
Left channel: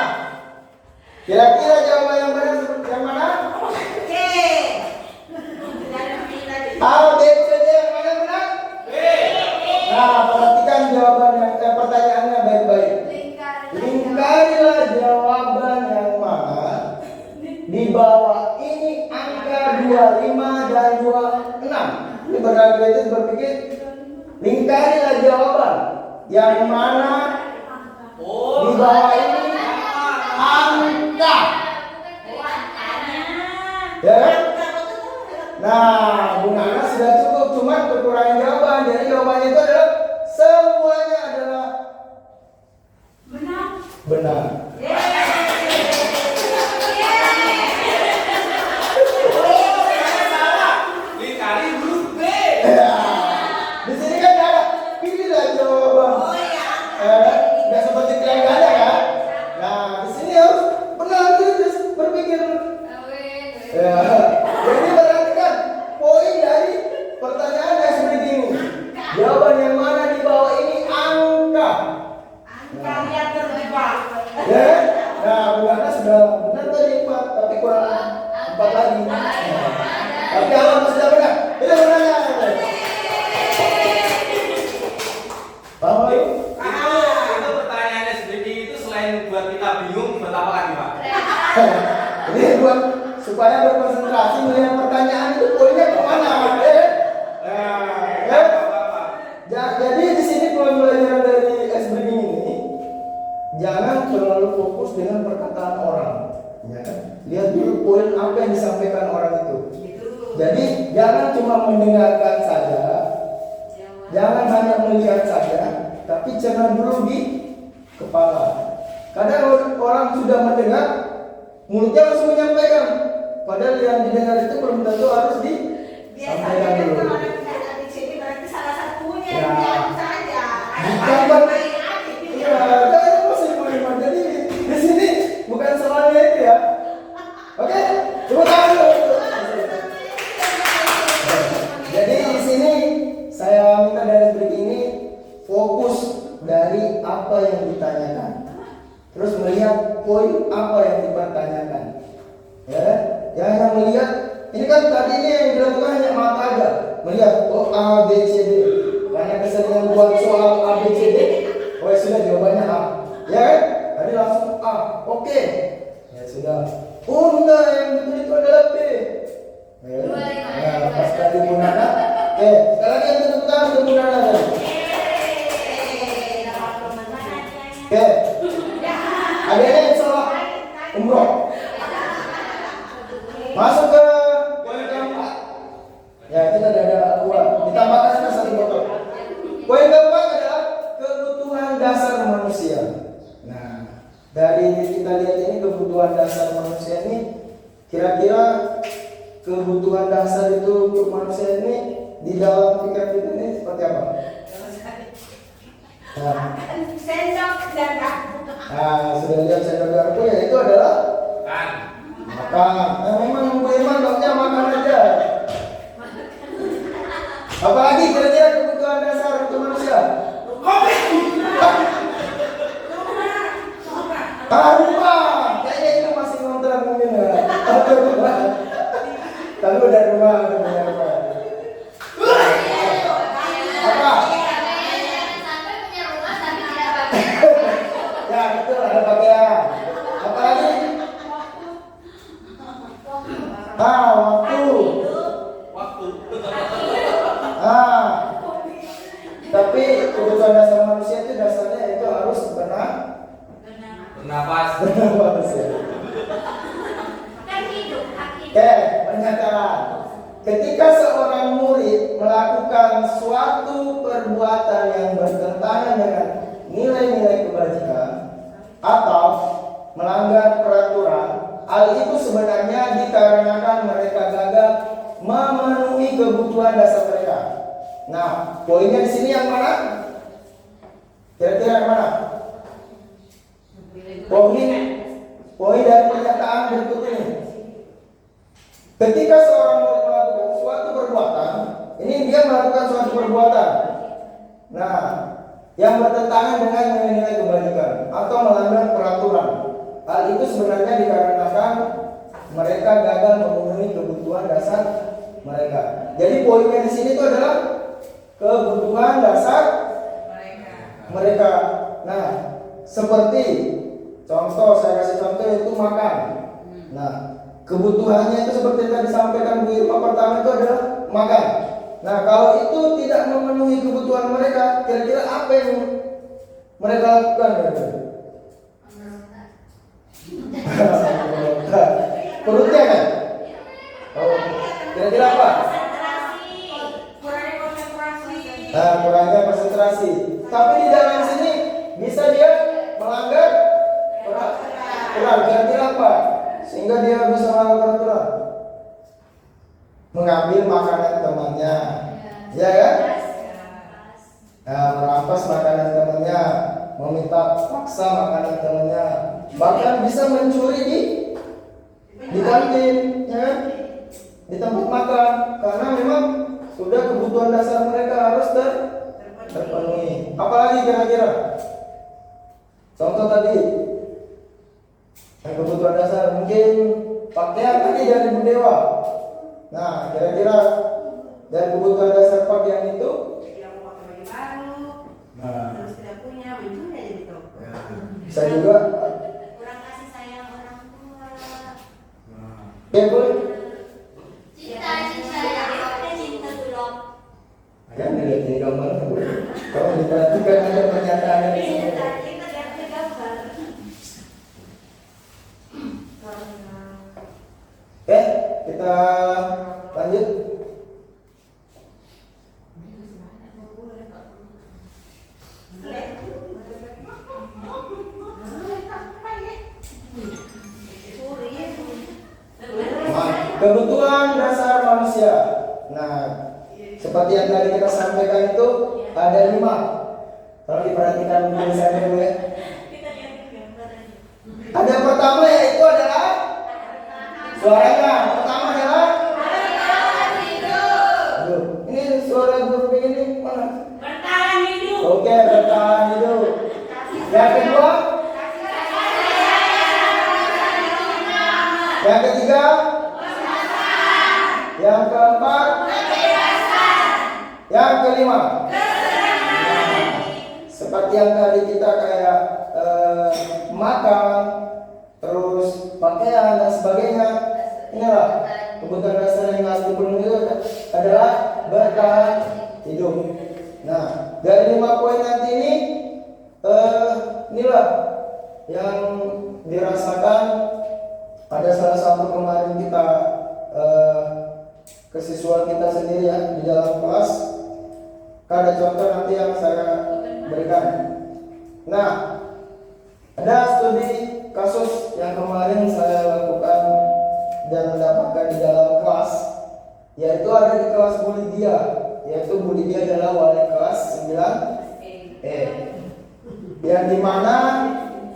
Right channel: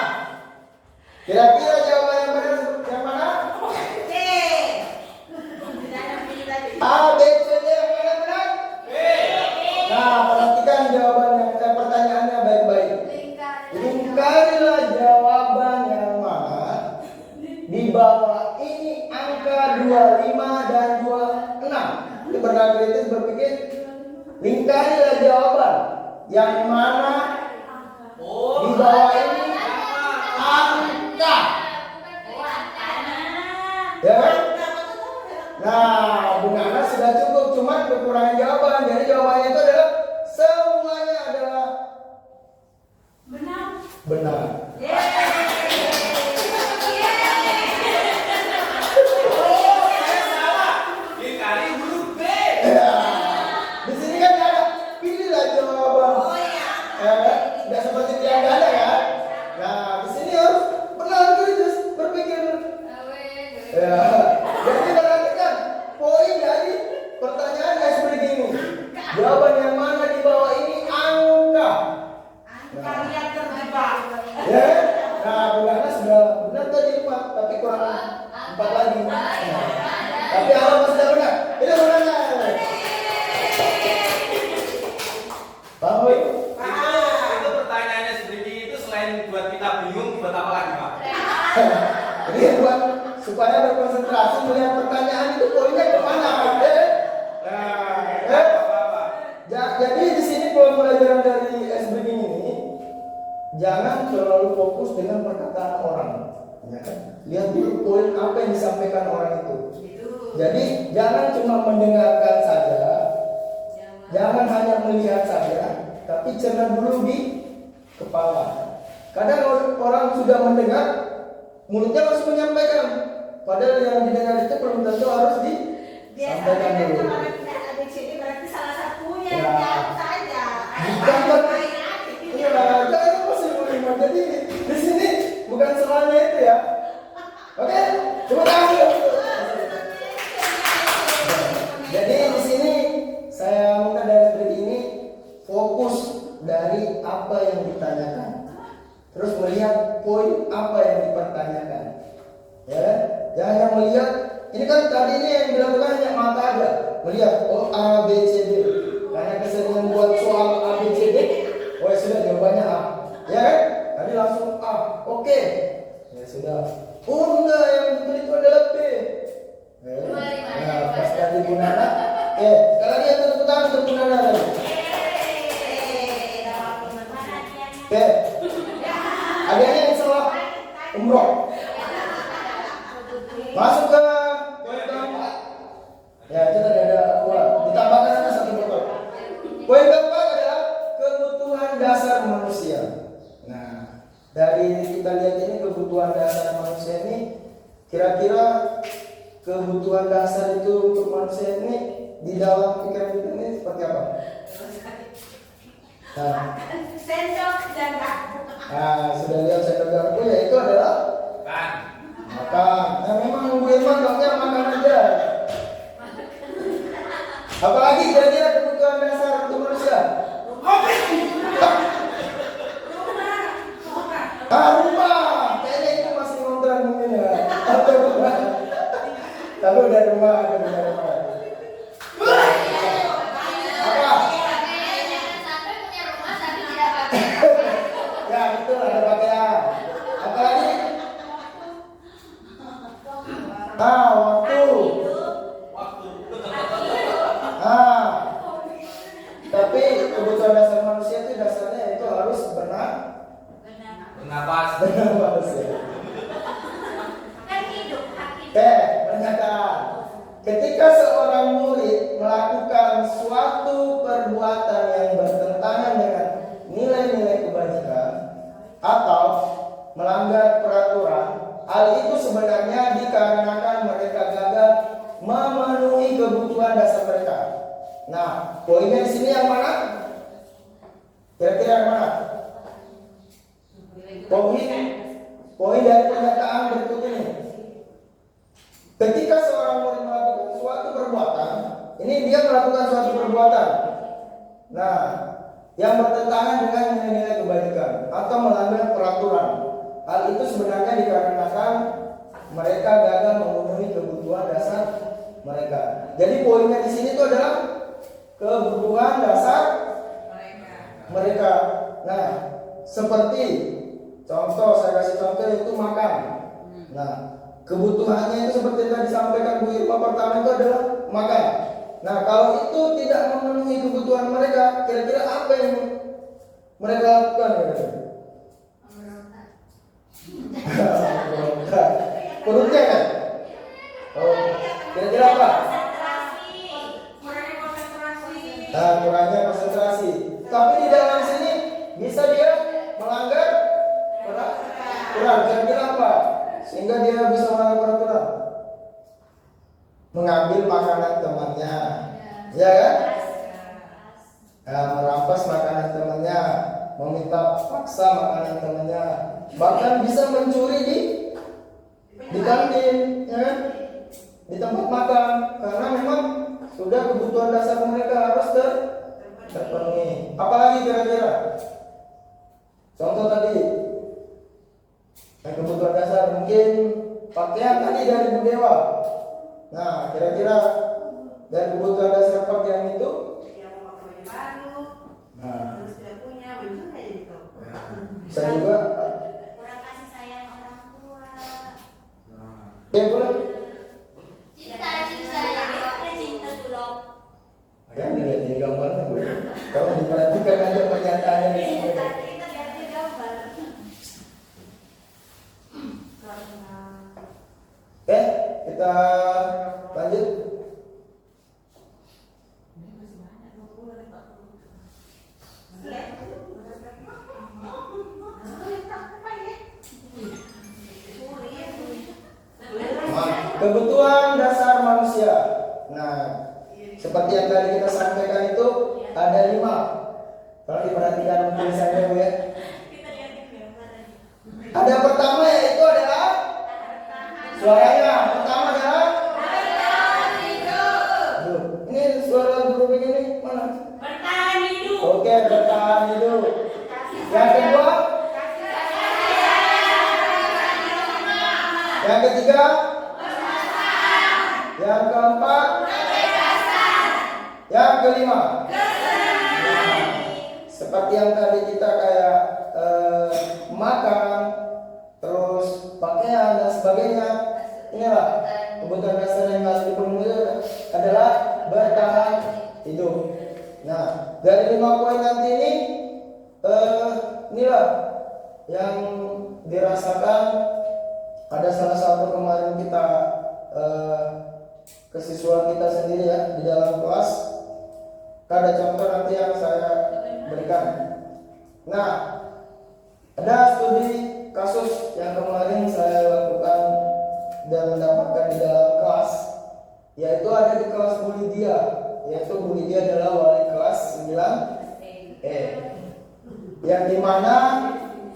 kira-kira jawaban yang benar yang mana? A, B, C, D yang mana benar? Nah, perhatikan jawabannya, pertanyaannya baik-baik. Lingkarilah jawaban yang mana di bawah ini angka 25 dan 26. Ini berarti itu berpikir lingkarilah jawaban yang mana di bawah ini angka. Ya kan? Nah, Bu Nana sudah cukup, cuma kekurangan jawaban. Jadi jawabannya itu adalah semuanya adalah benar. Ya. Di sini kan ada pilihlah jawaban. Nggak seperti pilihan ganda kan? Nah, di sini harus benar gitu berpikir. Ya. Jadi perhatikan poin dari pertanyaan yang seperti ini. Jawaban yang mana di bawah ini angka. Kalian terjebak. Ya. Nah, Bu Nana sudah benar tadi 4, tapi kurang 4 lagi. Tapi awal sudah benar. Itu Bu Nana. Paham Bayu? Itu pertanyaannya seperti itu selain buat kita bingung, buat apa lagi Pak? Ini buat supaya berkonsentrasi melihat pertanyaan itu poinnya kemana, Jadi di sini pelajaran dari SBB ini jangan terlalu fokus dengan perkataan orang, ya kan? Lihat dulu poin apa yang disampaikan orang itu. Jadi jangan cuma mendengarkan saja, jangan hanya melihat saja, tapi cerna dulu di kepala. Kadang orang sudah mendengar, mulutnya langsung menyampaikan, padahal yang didengar itu belum tentu harus disampaikan Biasanya dulu. kalau kita ada di sini berarti salah satunya Ya. yang jauh saja. Bukan, ya, kan masih beriman. Jadi di sini bukan salahnya itu ya. Oke, terima kasih. Jadi di sini saya minta dari berita ini fokus dari apa yang ditanyakan, terus melihat poin apa yang dipertanyakan. Ya, jangan melihat ini kan tadi ini yang dilakukan hanya mata aja, melihat oh A B C D. Karena keseringan buat soal A B C D, oh ya sudah jawabannya A, ya kan? Tadi langsung A, oke, ya sudah. Oh enggak, yang betul itu adalah B. Ya, nah, pas tadi Bu Nana, sekali lagi yang tepuk tangan untuk Bu Nana tadi. Oke, adanya yang salah umroh. Masuk ke poin keempat. Ya, itu tadi ada 2. Ditambahkan ada 1 botol. Poin keempat adalah kebutuhan dasar manusia. Nah, dari kita lihat ini kebutuhan kebutuhan dasar manusia ini, kira-kira kebutuhan dasar itu untuk manusia ini di dalam pikiran kita ini seperti apa? Sendok dan garpu. Sudah lihat sendok garpu ya, itu adalah Kan. makan. Memang Bu Irman dokter makan aja. Apalagi kira-kira kebutuhan dasar untuk manusia? Rumah. Kayaknya itu masih ngontrak mungkin ya. Atau rumah. Lalu ada rumah, ada rumah. Apa? Sampai punya rumah tapi tidak pakai. Ya betul, ada pakaian. Apalagi? Waktu. Waktu. Tapi kebutuhan dasar manusia itu dasarnya itu harus Bernapas. bernapas ya. Kan hidup, hak hidup. Oke, pernyataan. Ketika seorang murid melakukan suatu perbuatan yang bertentangan dengan nilai-nilai kebajikan atau melanggar peraturan, hal itu sebenarnya dikarenakan mereka gagal memenuhi kebutuhan dasar mereka. Nah, poinnya di sini yang mana? Kira-kira yang mana? Poin dari pernyataan berikut ini. Ketika seorang murid melakukan suatu perbuatan, ini dia melakukan suatu perbuatan, nah, yang bertentangan dengan nilai-nilai kebajikan atau melanggar peraturan. Hal itu sebenarnya dikarenakan mereka gagal memenuhi kebutuhan dasar mereka. Jadi poinnya di sini itu adalah kebutuhan dasar mereka. Nah, seperti contoh, saya kasih contoh itu makan. Nah, kebutuhannya itu seperti yang disampaikan Bu Irma pertama itu adalah makan. Nah, kalau itu tidak memenuhi kebutuhan mereka, kira-kira apa yang mereka lakukan? Perutnya kan? Oh, kira-kira apa? Kurangnya konsentrasi. Tapi di dalam sini bisa dia melanggar peraturan. Kira-kira apa? Sehingga dia bisa melanggar peraturan. Mengambil makanan temannya, ya kan? Merampas makanan temannya, meminta paksa makanan temannya, bahkan bisa mencuri di kantin, ya kan? Di tempat makan, karena memang sudah kebutuhan dasar mereka harus terpenuhi. Apalagi kira-kira? Contoh tadi, yang kebutuhan dasar mungkin pakaian tadi dari Bu Dewa. Nah, kira-kira dari kebutuhan dasar pakaian itu? Yang mau pakai baju baru, terus tidak punya, mencuri aja gitu. Bisa juga. Kurang kasih sayang orang tua. Ya boleh. Cinta ada cinta dulu. Ya, lihat ini gambarnya boleh. Kalau diperhatikan ada pernyataannya di sini. Kita lihat gambar. Kita lanjut. Kebutuhan dasar manusia. Nah, seperti yang tadi kita sampaikan itu ada 5. Kalau diperhatikan mungkin saya dulu ya. Ada pertama yaitu adalah suaranya. Pertama adalah Aduh, ini suara guru begini mana? Bertahan hidup. Oke, bertahan hidup. Yang kedua? Yang ketiga? Yang keempat? Yang kelima? Seperti yang tadi kita kayak makan, terus pakaian dan sebagainya. Inilah kebutuhan dasar yang harus dipenuhi adalah bertahan hidup. Nah, dari 5 poin nanti ini, inilah yang dirasakan. Ada salah satu kemarin kita kesiswaan kita sendiri ya di dalam kelas. Ada contoh nanti yang saya berikan. Nah, ada studi kasus yang kemarin saya lakukan dan mendapatkan di dalam kelas, yaitu ada di kelas Bu Lydia, yaitu Bu Lydia adalah wali kelas 9E, yang dimana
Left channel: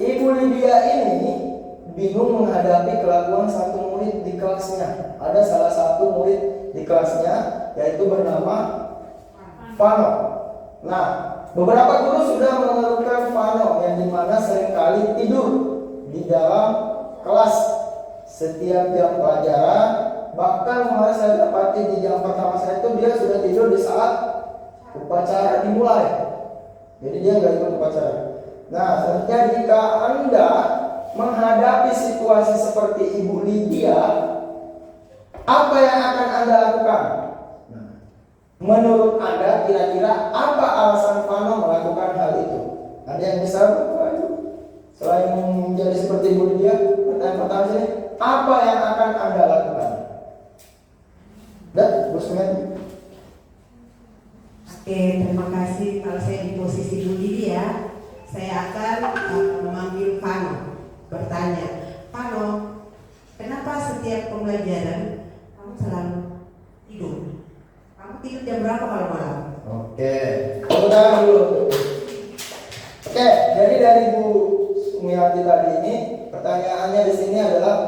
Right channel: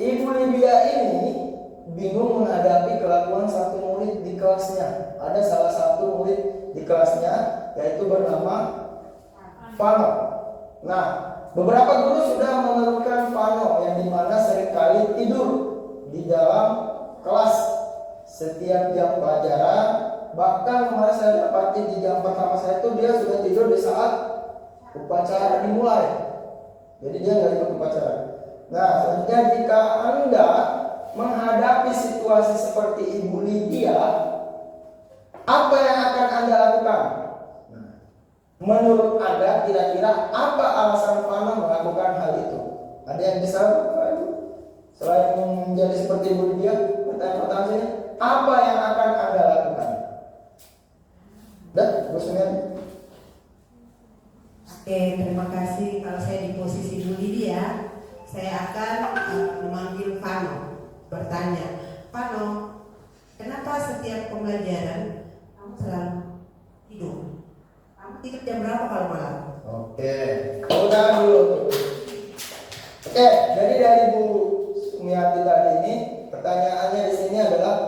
Ibu Lydia ini bingung menghadapi kelakuan satu murid di kelasnya. Ada salah satu murid di kelasnya yaitu bernama Vano. Nah, beberapa guru sudah mengeluhkan Vano yang dimana seringkali tidur di dalam kelas setiap jam pelajaran. Bahkan kemarin saya dapati di jam pertama saya itu dia sudah tidur di saat upacara dimulai. Jadi dia nggak ikut upacara. Nah, selanjutnya jika Anda menghadapi situasi seperti Ibu Lydia, apa yang akan Anda lakukan? Nah, menurut Anda kira-kira apa alasan Vano melakukan hal itu? Ada yang bisa selain menjadi seperti Ibu Lydia? Pertanyaan sini, apa yang akan Anda lakukan? Dan Bu Sumen. Oke, terima kasih. Kalau saya di posisi Bu Lydia, saya akan memanggil Vano, bertanya, Vano, kenapa setiap pembelajaran kamu selalu tidur? Kamu tidur jam berapa kalau malam? Oke, tepuk tangan dulu. Oke, jadi dari Bu Sumiati tadi ini, pertanyaannya di sini adalah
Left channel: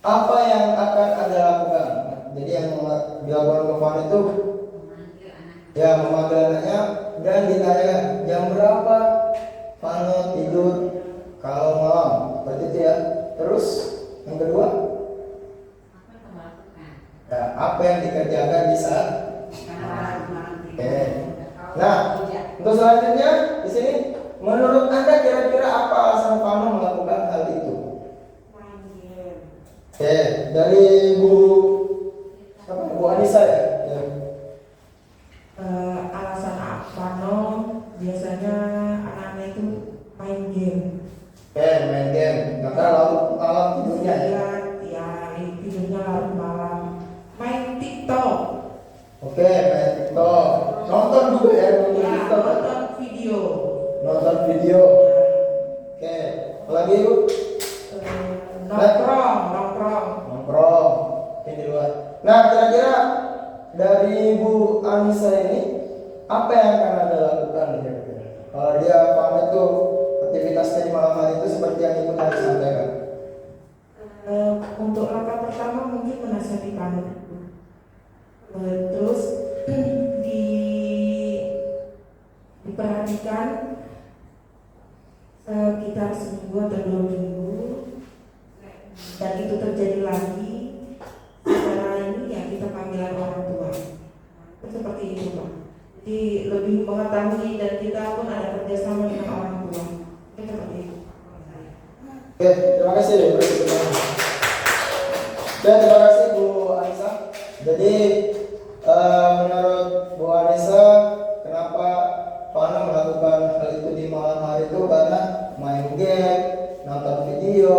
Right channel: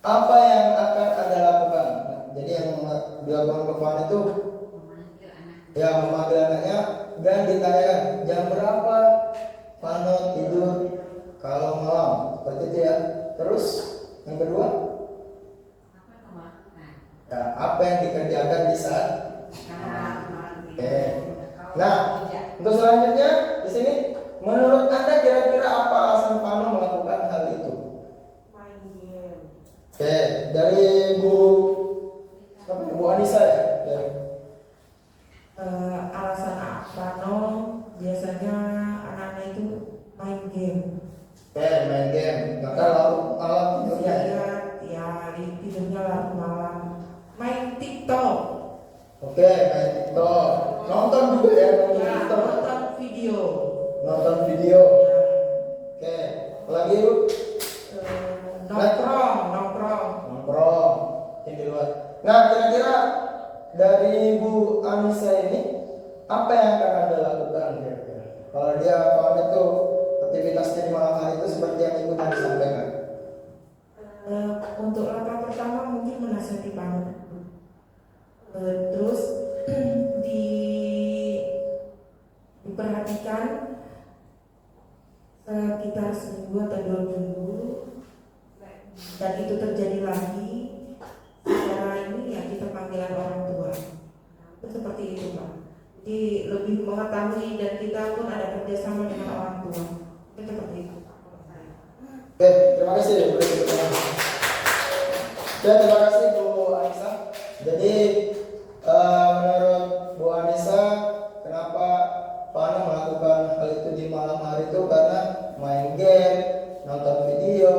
apa yang akan Anda lakukan? Jadi yang dilakukan ke Vano itu ya memanggil anaknya dan ditanyakan jam berapa Vano tidur kalau malam, seperti itu ya. Terus yang kedua, ya, apa yang dikerjakan di saat? Oke. Nah, untuk selanjutnya di sini, menurut Anda kira-kira apa alasan Vano melakukan hal itu? Oke, dari Bu Anissa ya. Alasan Vano biasanya anaknya itu main game. Oke, main game. Karena alam tidurnya ya. Ya, tidurnya larut malam. Main TikTok. Oke, main TikTok. Nonton juga ya, nonton Ya, TikTok. nonton video. Nonton video. Oke, lagi Bu? Nongkrong. Ini di luar. Nah, kira-kira dari Bu Anissa ini apa yang akan Anda lakukan kira-kira? Kalau dia pamit tuh aktivitasnya di malam hari itu seperti yang Ibu tadi sampaikan. Untuk langkah pertama mungkin menasihati Vano. Terus diperhatikan sekitar seminggu atau 2 minggu, dan itu terjadi lagi secara ini ya kita panggilan orang tua. Itu seperti itu Pak. Jadi lebih mengetahui dan kita pun ada kerjasama dengan orang tua. Itu seperti itu. Oke, terima kasih. Dan terima kasih Bu Anissa. Jadi menurut Bu Anissa, kenapa Vano melakukan hal itu di malam hari itu karena main game, nonton video,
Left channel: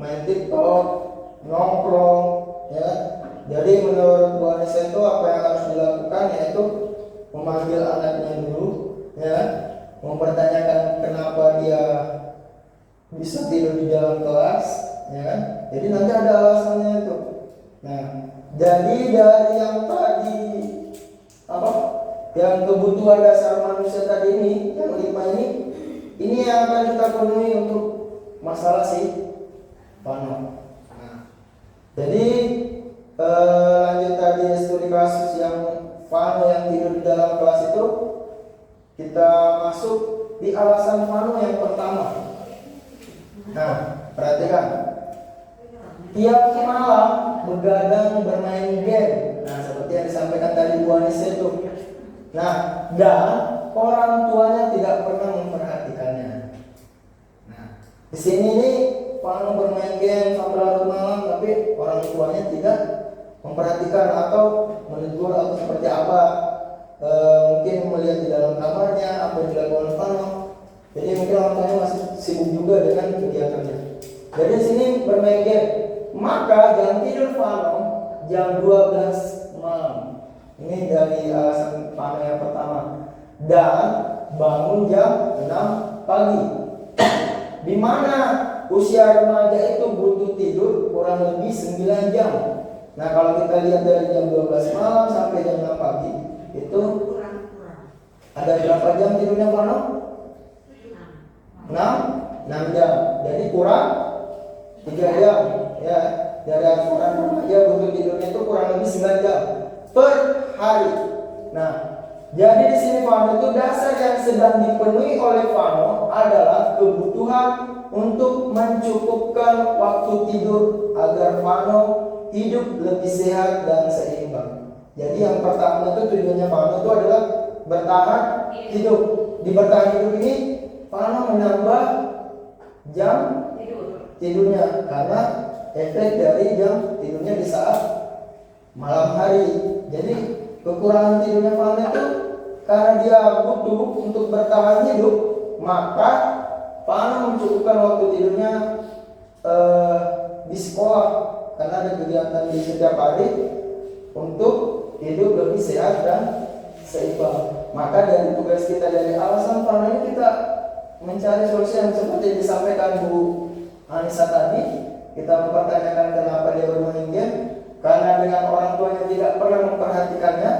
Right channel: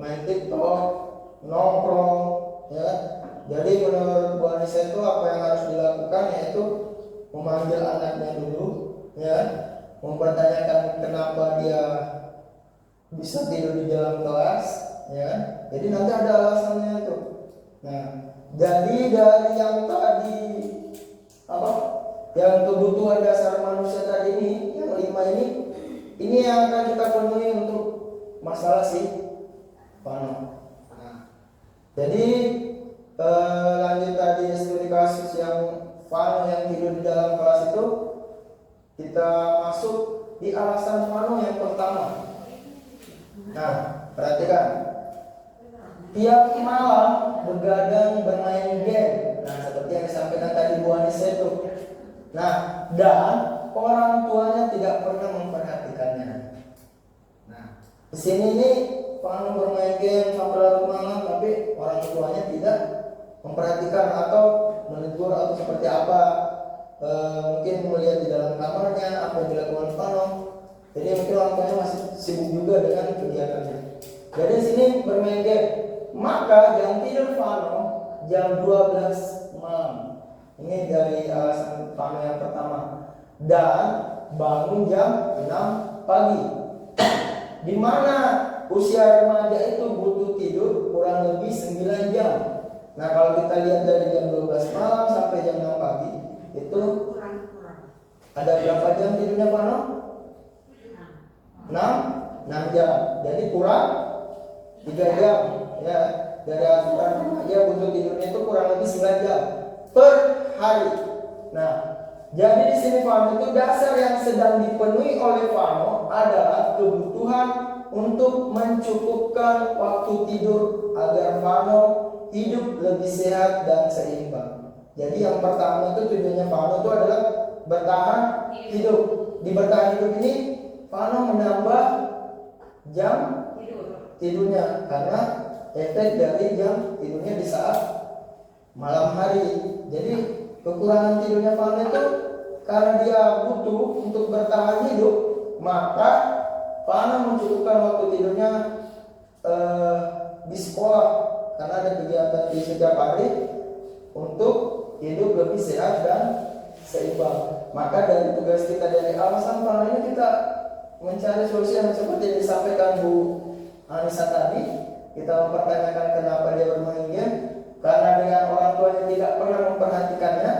main TikTok, nongkrong, ya. Jadi menurut Bu Anissa itu apa yang harus dilakukan yaitu memanggil anaknya dulu, ya, mempertanyakan kenapa dia bisa tidur di dalam kelas, ya kan? Jadi nanti ada alasannya itu. Nah, jadi dari yang tadi apa? Yang kebutuhan dasar manusia tadi ini, yang 5 ini yang akan kita penuhi untuk masalah si Vano. Nah, jadi lanjut tadi studi kasus yang Vano yang tidur di dalam kelas itu, kita masuk di alasan Vano yang pertama. Nah, perhatikan, tiap malam begadang bermain game. Nah, seperti yang disampaikan tadi Bu Anissa itu. Nah, dan orang tuanya tidak pernah memperhatikannya. Nah, di sini nih Vano bermain game sampai larut malam, tapi orang tuanya tidak memperhatikan atau menegur atau seperti apa. Mungkin melihat di dalam kamarnya apa yang dilakukan Vano. Jadi mungkin orang tuanya masih sibuk juga dengan kegiatannya. Dari sini bermain game, maka jam tidur Vano jam 12 malam. Ini dari alasan Vano yang pertama. Dan bangun jam 6 pagi. di mana usia remaja itu butuh tidur kurang lebih 9 jam. Nah, kalau kita lihat dari jam 12 malam sampai jam 6 pagi, itu ada berapa jam tidurnya Pano? 6 jam. Jadi kurang 3 jam. Ya, dari asuran remaja butuh tidurnya itu kurang lebih 9 jam per hari. Nah, jadi di sini Fano itu dasar yang sedang dipenuhi oleh Fano adalah kebutuhan untuk mencukupkan waktu tidur agar Fano hidup lebih sehat dan seimbang. Jadi yang pertama itu tujuannya Fano itu adalah bertahan hidup. Di bertahan hidup ini Fano menambah jam tidurnya karena efek dari jam tidurnya di saat malam hari. Jadi kekurangan tidurnya Fano itu karena dia butuh untuk bertahan hidup, maka Fano mencukupkan waktu tidurnya di sekolah karena ada kegiatan di setiap hari untuk hidup lebih sehat dan seimbang. Maka dari tugas kita dari alasan Fano ini kita mencari solusi yang seperti disampaikan Bu Anissa tadi. Kita mempertanyakan kenapa dia bermain game, karena dengan orang tuanya tidak pernah memperhatikannya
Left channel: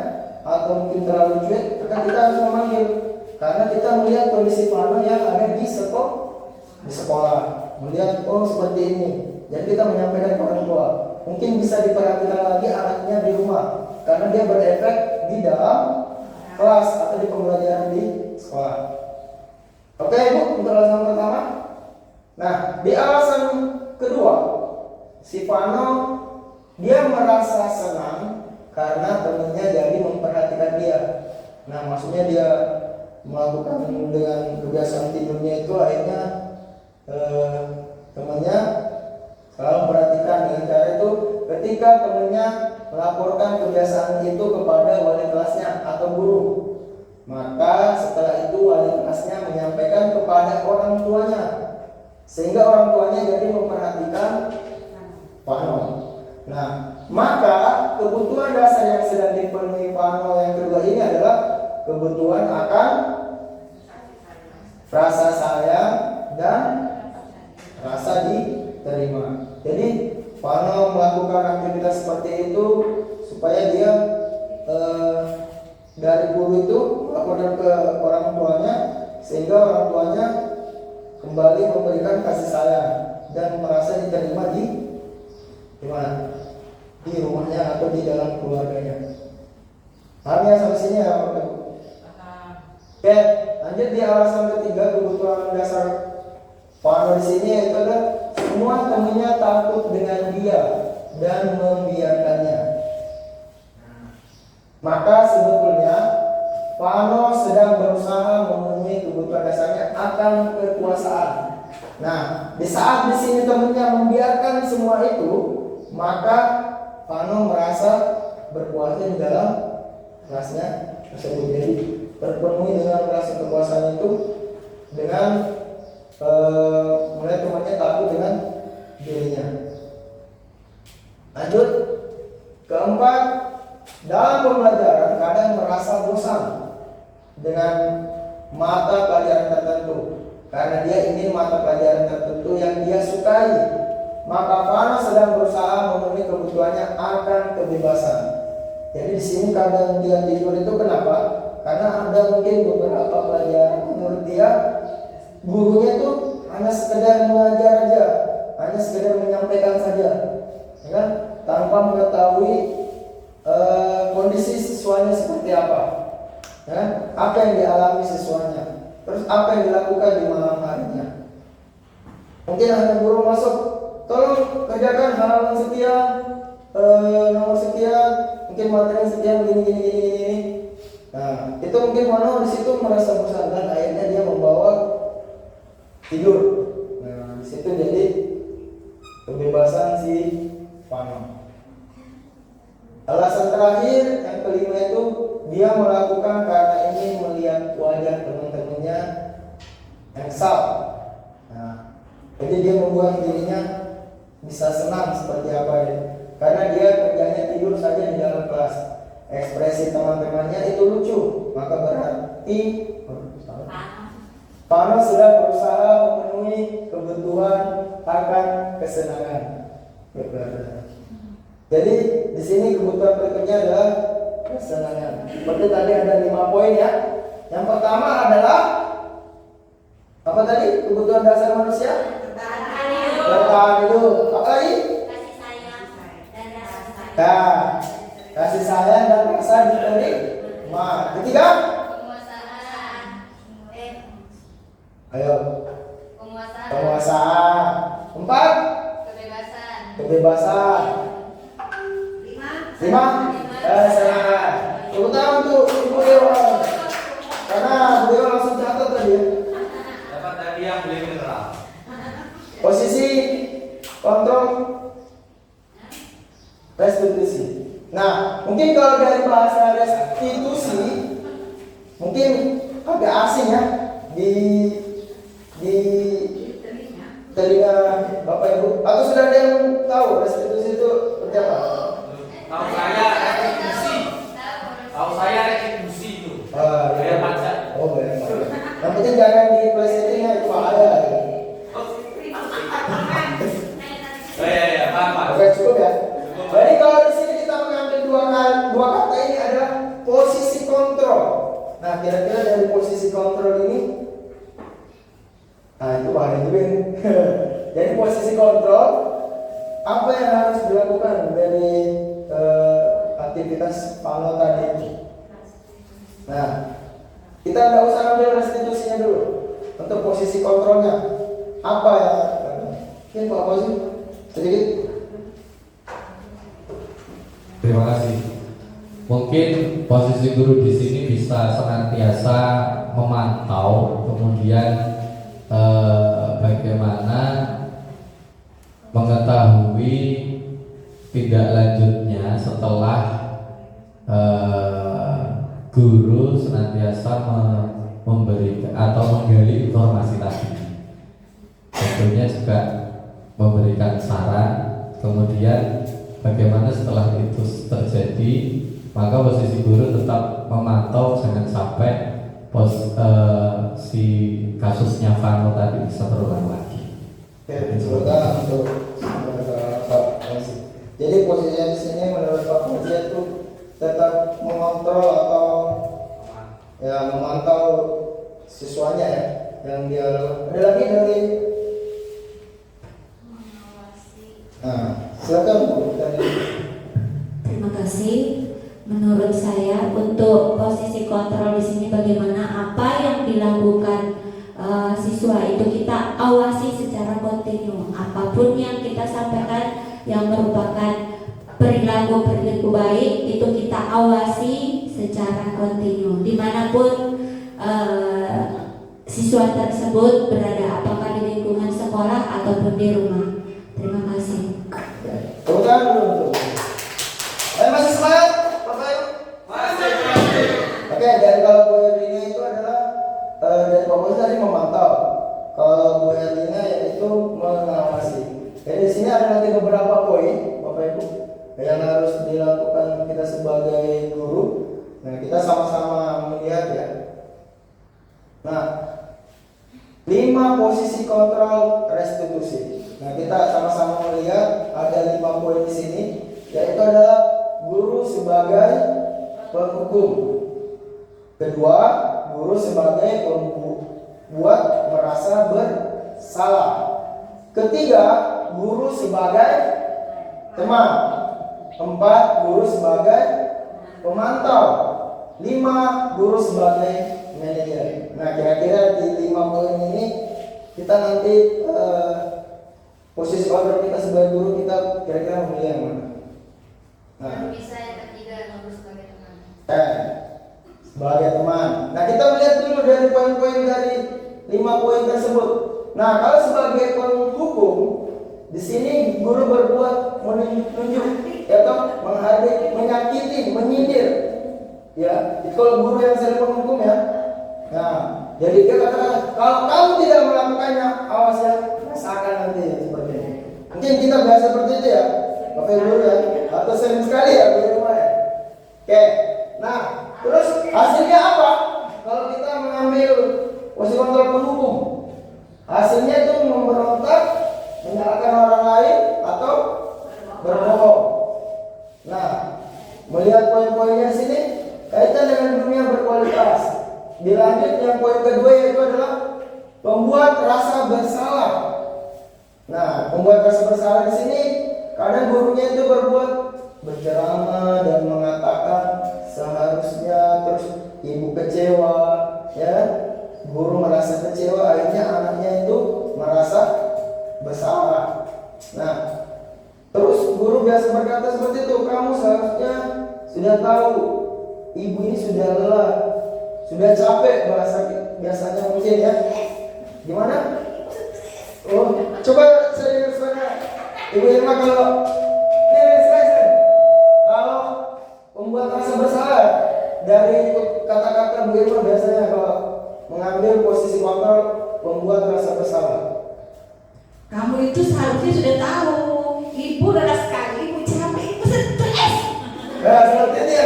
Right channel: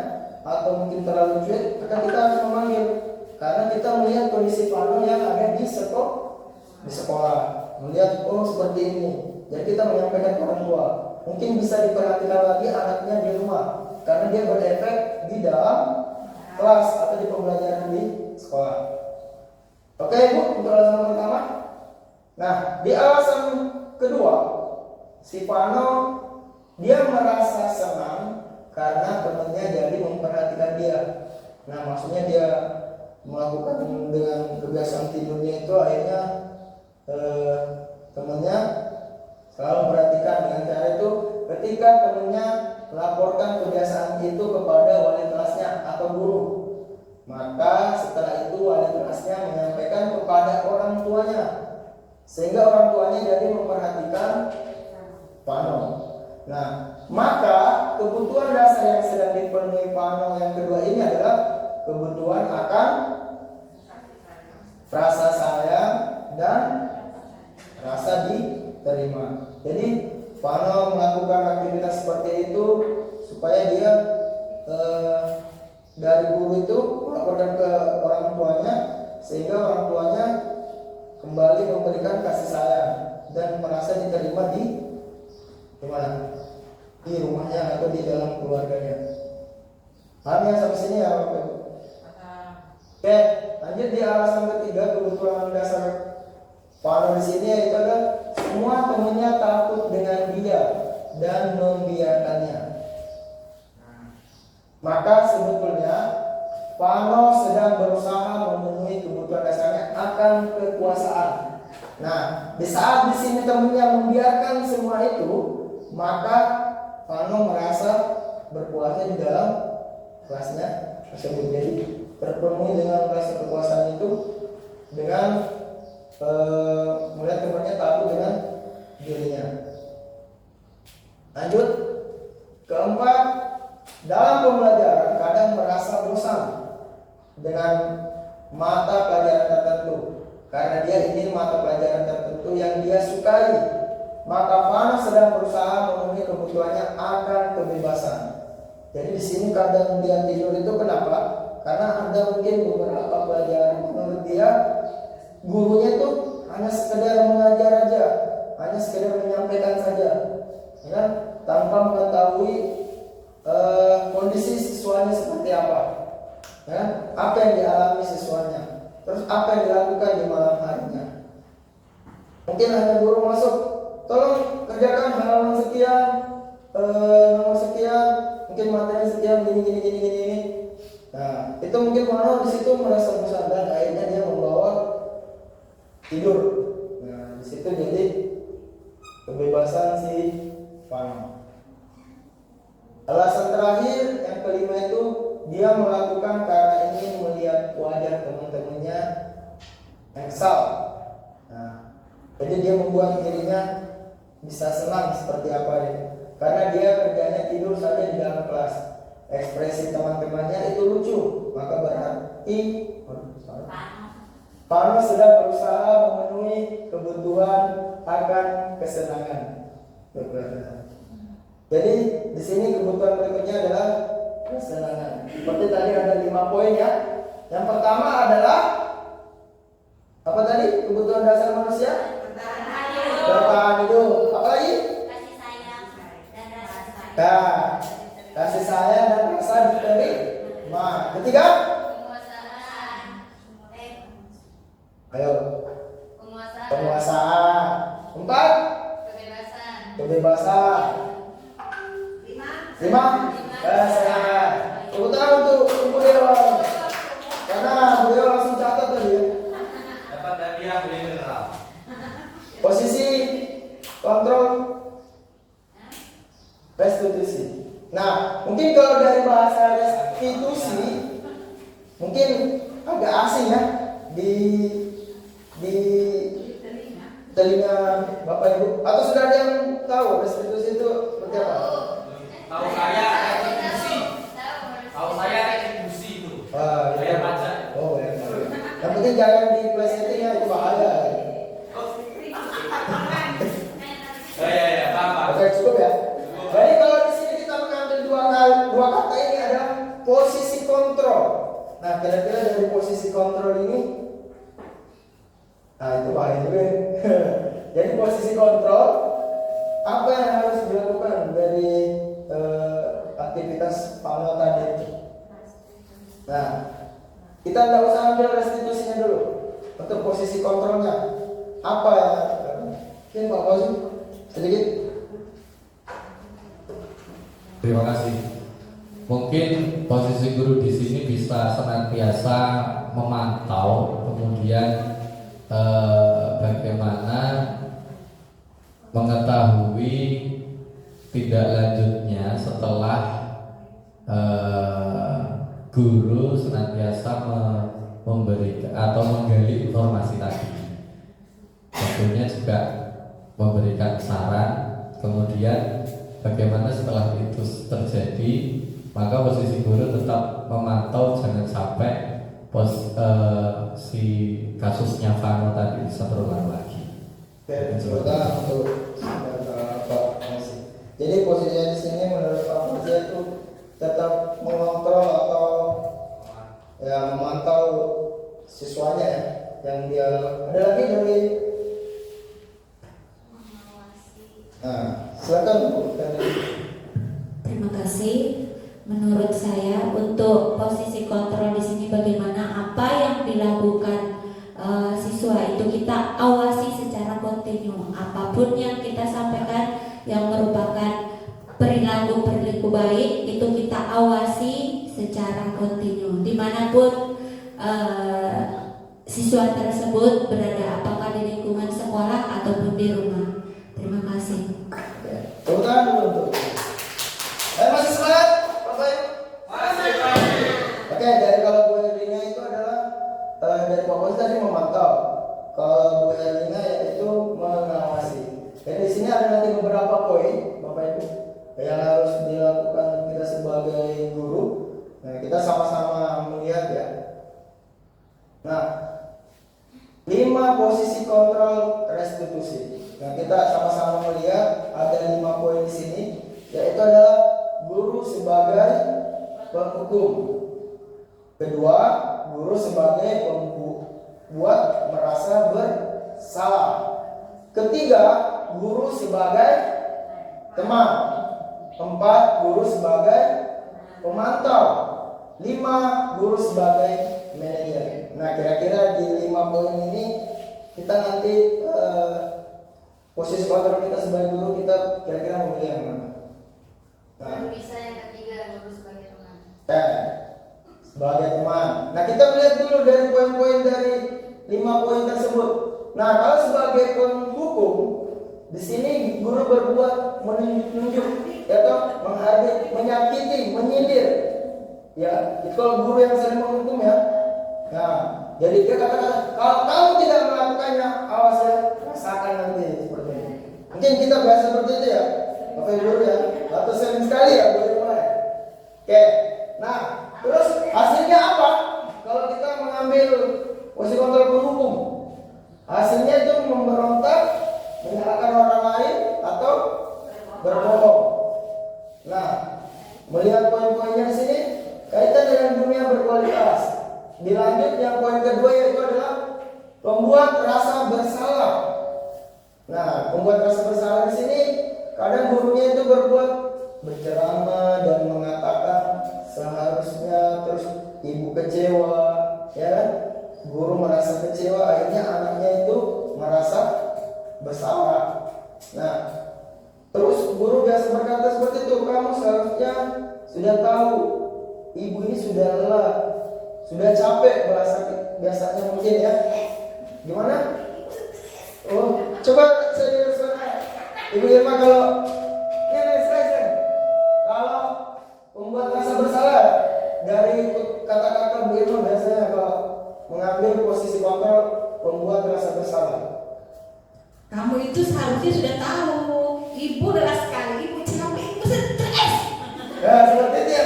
atau mungkin terlalu cuek, maka kita harus memanggil. Karena kita melihat kondisi Fano yang ada di sekolah, melihat oh seperti ini. Jadi kita menyampaikan ke orang tua, mungkin bisa diperhatikan lagi anaknya di rumah, karena dia berefek di dalam kelas atau di pembelajaran di sekolah. Oke Bu, untuk alasan pertama. Nah, di alasan kedua, si Fano dia merasa senang karena temannya jadi memperhatikan dia. Nah, maksudnya dia melakukan dengan kebiasaan tidurnya itu akhirnya temannya selalu memperhatikan dengan cara itu ketika temannya melaporkan kebiasaan itu kepada wali kelasnya atau guru. Maka setelah itu wali kelasnya menyampaikan kepada orang tuanya, sehingga orang tuanya jadi memperhatikan Fano. Nah, maka kebutuhan dasar yang sedang dipenuhi Fano yang kedua ini adalah kebutuhan akan rasa sayang dan rasa diterima. Jadi Fano melakukan aktivitas seperti itu supaya dia dari guru itu melaporkan ke orang tuanya, sehingga orang tuanya kembali memberikan kasih sayang dan merasa diterima di mana? Di rumahnya atau di dalam keluarganya. Hanya sampai sini ya Pak. Oke, lanjut di alasan ketiga, kebutuhan dasar Fano di sini itu adalah semua temannya takut dengan dia dan membiarkannya. Maka sebetulnya Fano sedang berusaha memenuhi kebutuhan dasarnya akan kekuasaan. Nah, di saat di sini temannya membiarkan semua itu, maka Fano merasa berkuasa di dalam kelasnya tersebut. Jadi terpenuhi dengan rasa kekuasaan itu dengan melihat temannya takut dengan dirinya. Lanjut, keempat, dalam pembelajaran kadang merasa bosan dengan mata pelajaran tertentu karena dia ingin mata pelajaran tertentu yang dia sukai. Maka Fano sedang berusaha memenuhi kebutuhannya akan kebebasan. Jadi di sini kadang dia tidur itu kenapa? Karena ada mungkin beberapa pelajaran menurut dia gurunya itu hanya sekedar mengajar aja, hanya sekedar menyampaikan saja, ya kan? Tanpa mengetahui kondisi siswanya seperti apa, ya? Apa yang dialami siswanya, terus apa yang dilakukan di malam harinya. Mungkin hanya guru masuk, tolong kerjakan halaman sekian, nomor sekian, mungkin materi sekian, gini. Nah, itu mungkin Fano di situ merasa bosan dan akhirnya dia membawa tidur. Nah, di situ jadi kebebasan si Fano. Alasan terakhir yang kelima itu dia melakukan karena ingin melihat wajah teman-temannya eksal. Nah, jadi dia membuat dirinya bisa senang seperti apa ya. Karena dia kerjanya tidur saja di dalam kelas. Ekspresi teman-temannya itu lucu, maka berarti Fano sudah berusaha memenuhi kesenangan berkeluarga. Jadi di sini kebutuhan berikutnya adalah kesenangan. Seperti tadi ada 5 poin ya. Yang pertama adalah apa tadi? Kebutuhan dasar manusia? Bertahan hidup. Apa lagi? Kasih sayang dan rasa sayang. Nah, kasih sayang dan rasa diterima. Ketiga? Penguasaan. Ayo. Penguasaan. Penguasaan. 4? Kebebasan. Kebebasan. 5? Kesenangan. Tepuk tangan untuk Ibu Dewan. Karena beliau langsung catat tadi ya. Dapat hadiah beli mineral. Posisi kontrol restitusi. Nah, mungkin kalau dari bahasa restitusi mungkin agak asing ya di telinga Bapak Ibu. Atau sudah ada yang tahu restitusi itu seperti apa? Tahu saya retribusi. Tahu saya retribusi itu. Bayar pajak. Oh, bayar pajak. Yang penting jangan di pelesetinnya, itu bahaya. Ya, paham. Oke, cukup ya. Jadi kalau di sini kita mengambil dua kata ini ada posisi kontrol. Nah, kira-kira dari posisi kontrol ini, nah itu bahaya juga. Jadi posisi kontrol, apa yang harus dilakukan dari aktivitas Pano tadi itu? Nah, kita tidak usah ambil restitusinya dulu. Untuk posisi kontrolnya, apa yang mungkin Pak Fauzi sedikit. Terima kasih. Mungkin posisi guru di sini bisa senantiasa memantau, kemudian bagaimana mengetahui tindak lanjutnya setelah guru senantiasa memberikan atau menggali informasi tadi. Tentunya juga memberikan saran, kemudian bagaimana setelah itu terjadi, maka posisi guru tetap memantau jangan sampai si kasusnya Fano tadi bisa berulang lagi. Oke, sebentar untuk Pak Fauzi. Jadi posisinya di sini menurut Pak Fauzi itu tetap mengontrol atau ya memantau siswanya ya yang dia. Ada lagi dari. Nah, silakan Bu. Terima kasih. Menurut saya untuk posisi kontrol di sini bagaimana apa yang dilakukan siswa itu kita awasi secara kontinu. Apapun yang kita sampaikan yang merupakan perilaku baik itu kita awasi secara kontinu dimanapun siswa tersebut berada, apakah di lingkungan sekolah ataupun di rumah. Terima kasih. Bukan dulu. Masih semangat, Bapak Ibu? Oke, dari kalau Bu Erlina itu adalah dari Pak Fauzi tadi memantau. Kalau Bu Erlina yaitu mengawasi. Jadi di sini ada nanti beberapa poin, Bapak Ibu, yang harus dilakukan kita sebagai guru. Nah, kita sama-sama melihat ya. Nah, 5 posisi kontrol restitusi. Nah, kita sama-sama melihat ada 5 poin di sini, yaitu adalah guru sebagai penghukum. Kedua, guru sebagai pembuat merasa bersalah. Ketiga, guru sebagai teman. 4, guru sebagai pemantau. 5, guru sebagai manajer. Nah, kira-kira di 5 poin ini kita nanti posisi kontrol kita sebagai guru kita kira-kira memilih yang mana? Nah, Bisa yang ketiga, guru sebagai teman. Sebagai teman. Nah, kita lihat dulu dari poin-poin dari 5 poin tersebut. Nah, kalau sebagai penghukum, di sini guru berbuat menunjuk, ya toh, menghadir, menyakiti, menyindir. Ya, itu kalau guru yang sering menghukum ya. Nah, jadi dia katakan, kalau kamu tidak melakukannya, awas ya, rasakan nanti seperti ini. Mungkin kita biasa seperti itu ya, Bapak Ibu ya, atau sering sekali ya di rumah ya. Oke, nah, terus hasilnya apa? Kalau kita mengambil posisi kontrol penghukum, hasilnya itu memberontak, menyalahkan orang lain, Nah, membuat rasa bersalah di sini kadang gurunya itu berceramah dan mengatakan seharusnya, terus ibu kecewa, ya kan? Guru merasa kecewa, akhirnya anaknya itu merasa bersalah. Nah, terus guru biasa berkata seperti itu, kamu seharusnya sudah tahu ibu ini sudah lelah, sudah capek, bahasa biasanya mungkin ya. Gimana? Oh, coba saya suara Ibu Irma kalau membuat rasa bersalah dari kata-kata Bu Irma biasanya kalau mengambil posisi kontrol membuat rasa bersalah. Kamu itu seharusnya sudah tahu, ibu lelah sekali, ibu capek, ibu stres. Nah, seperti itu ya.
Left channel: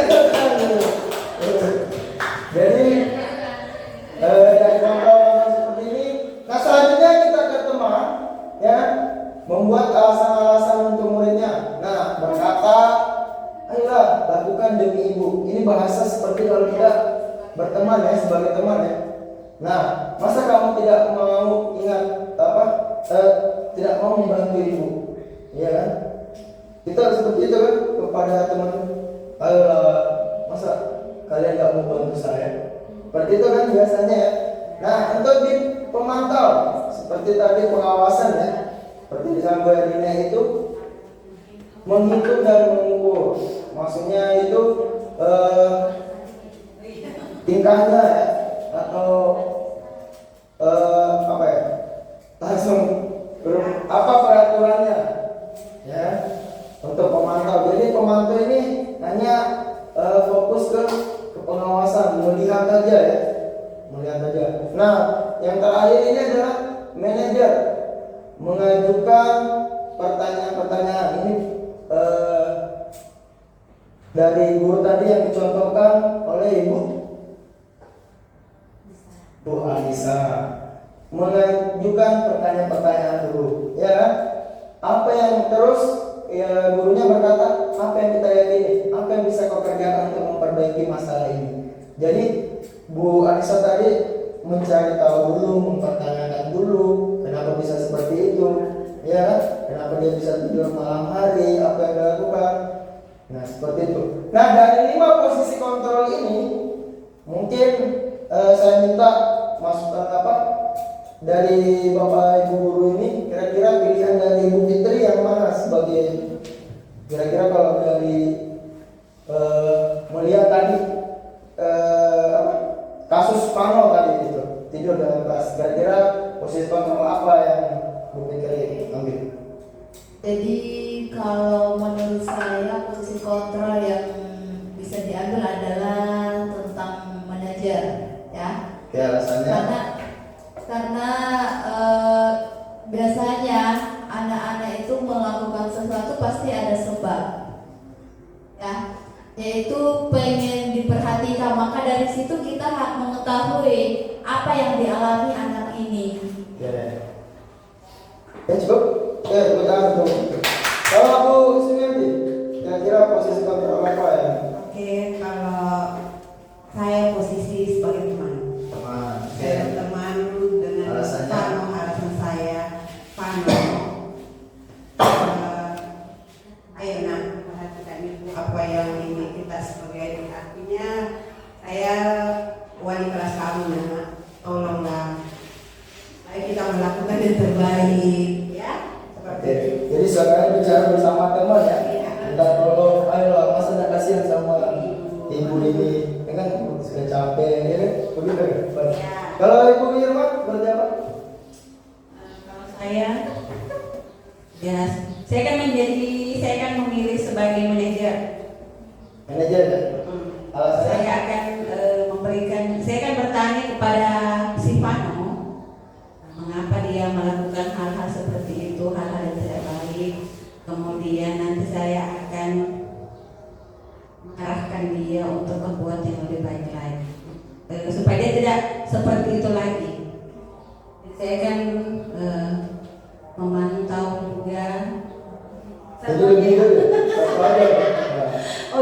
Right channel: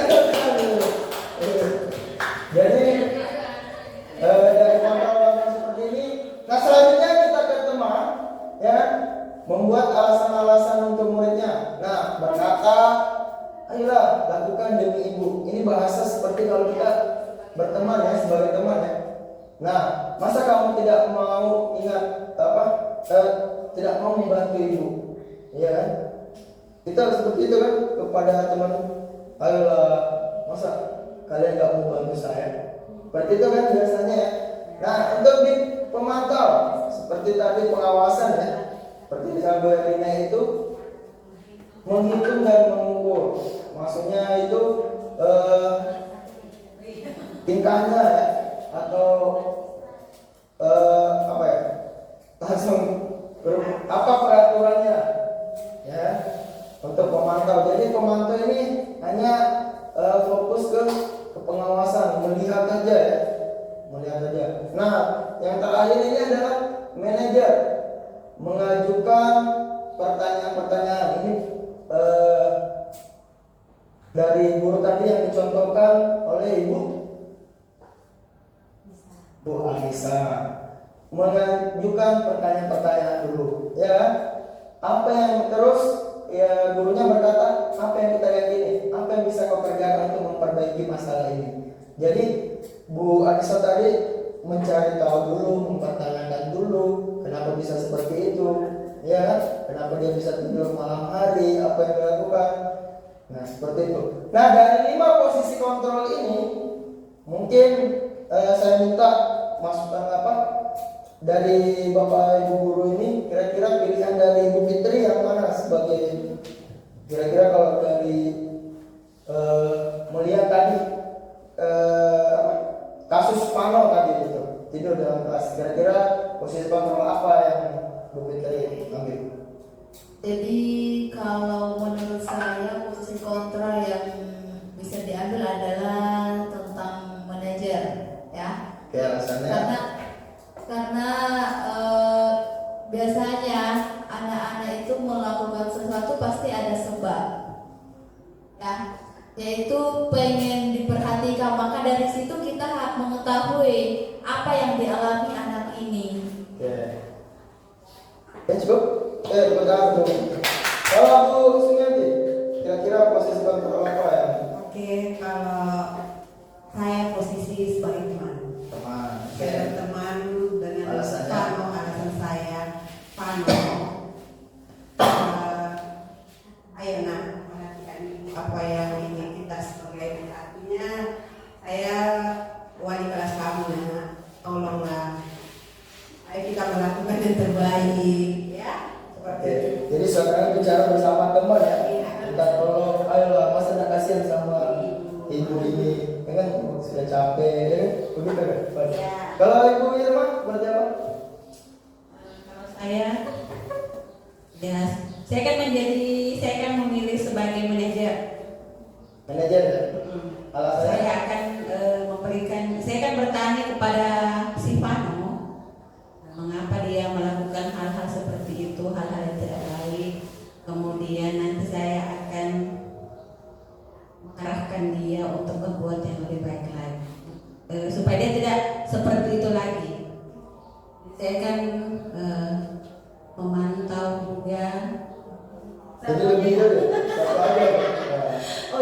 Jadi dari kontrol seperti ini. Nah, selanjutnya kita ke teman, ya, membuat alasan-alasan untuk muridnya. Nah, berkata, ayolah lakukan demi ibu. Ini bahasa seperti kalau kita berteman ya, sebagai teman ya. Nah, masa kamu tidak mau ingat apa? Tidak mau membantu ibu, iya kan? Kita seperti itu kan kepada teman. Ayolah, masa kalian tidak mau bantu saya? Seperti itu kan biasanya ya. Nah, untuk di pemantau seperti tadi pengawasan ya, seperti di Sambuarinya itu menghitung dan mengukur. Maksudnya itu tingkahnya ya, atau apa ya, langsung apa peraturannya ya untuk pemantau. Jadi pemantau ini hanya fokus ke pengawasan, melihat aja ya, melihat aja. Nah, yang terakhir ini adalah manajer mengajukan pertanyaan-pertanyaan ini dari guru tadi yang dicontohkan oleh Ibu Anissa, mengajukan pertanyaan-pertanyaan dulu ya. Apa yang terus ya gurunya berkata, apa yang kita yakini, apa yang bisa kau kerjakan untuk memperbaiki masalah ini. Jadi Bu Anissa tadi mencari tahu dulu, mempertanyakan dulu kenapa bisa seperti itu, ya kan? Kenapa dia bisa tidur malam hari, apa yang dilakukan. Nah, seperti itu. Nah, dari 5 posisi kontrol ini mungkin saya minta masukan apa dari Bapak Ibu guru ini, kira-kira pilihan dari Ibu Fitri yang mana sebagai kira-kira kalau dari melihat tadi kasus Pano tadi itu tidur dalam kelas, kira-kira posisi kontrol apa yang Bu Fitri ambil? Jadi kalau menurut saya posisi kontrol yang bisa diambil adalah tentang manajer, ya. Ya, alasannya. Karena biasanya anak-anak itu melakukan sesuatu pasti ada sebab, ya. Yaitu pengen diperhatikan, maka dari situ kita harus mengetahui apa yang dialami anak ini. Ya. Cukup. Betul. Kalau Bu Sumiati, kira-kira posisi kontrol apa ya? Oke, kalau saya posisi sebagai teman. Saya teman dengan Pano, alasan saya Pano. Ayo perhatikan ibu apa yang ini kita sebagai artinya saya wali kelas kamu ya, tolonglah. Ayo kita melakukan yang terbaik ya. Oke. Jadi sekarang bicara bersama teman ya. Kita tolong, ayolah, masa tidak kasihan sama ibu ini, ya kan sudah capek, ya kan? Begitu kan? Ya. Kalau Ibu Irma berarti apa? Kalau saya kan memilih sebagai manajer. Manajer ya? Alasannya? Saya akan saya akan bertanya kepada si Pano, mengapa dia melakukan hal-hal seperti itu, hal-hal yang tidak baik. Kemudian nanti saya akan mengarahkan dia untuk membuat yang lebih baik lagi, supaya dia tidak seperti itu lagi. Saya akan memantau juga. Jadi lebih dulu.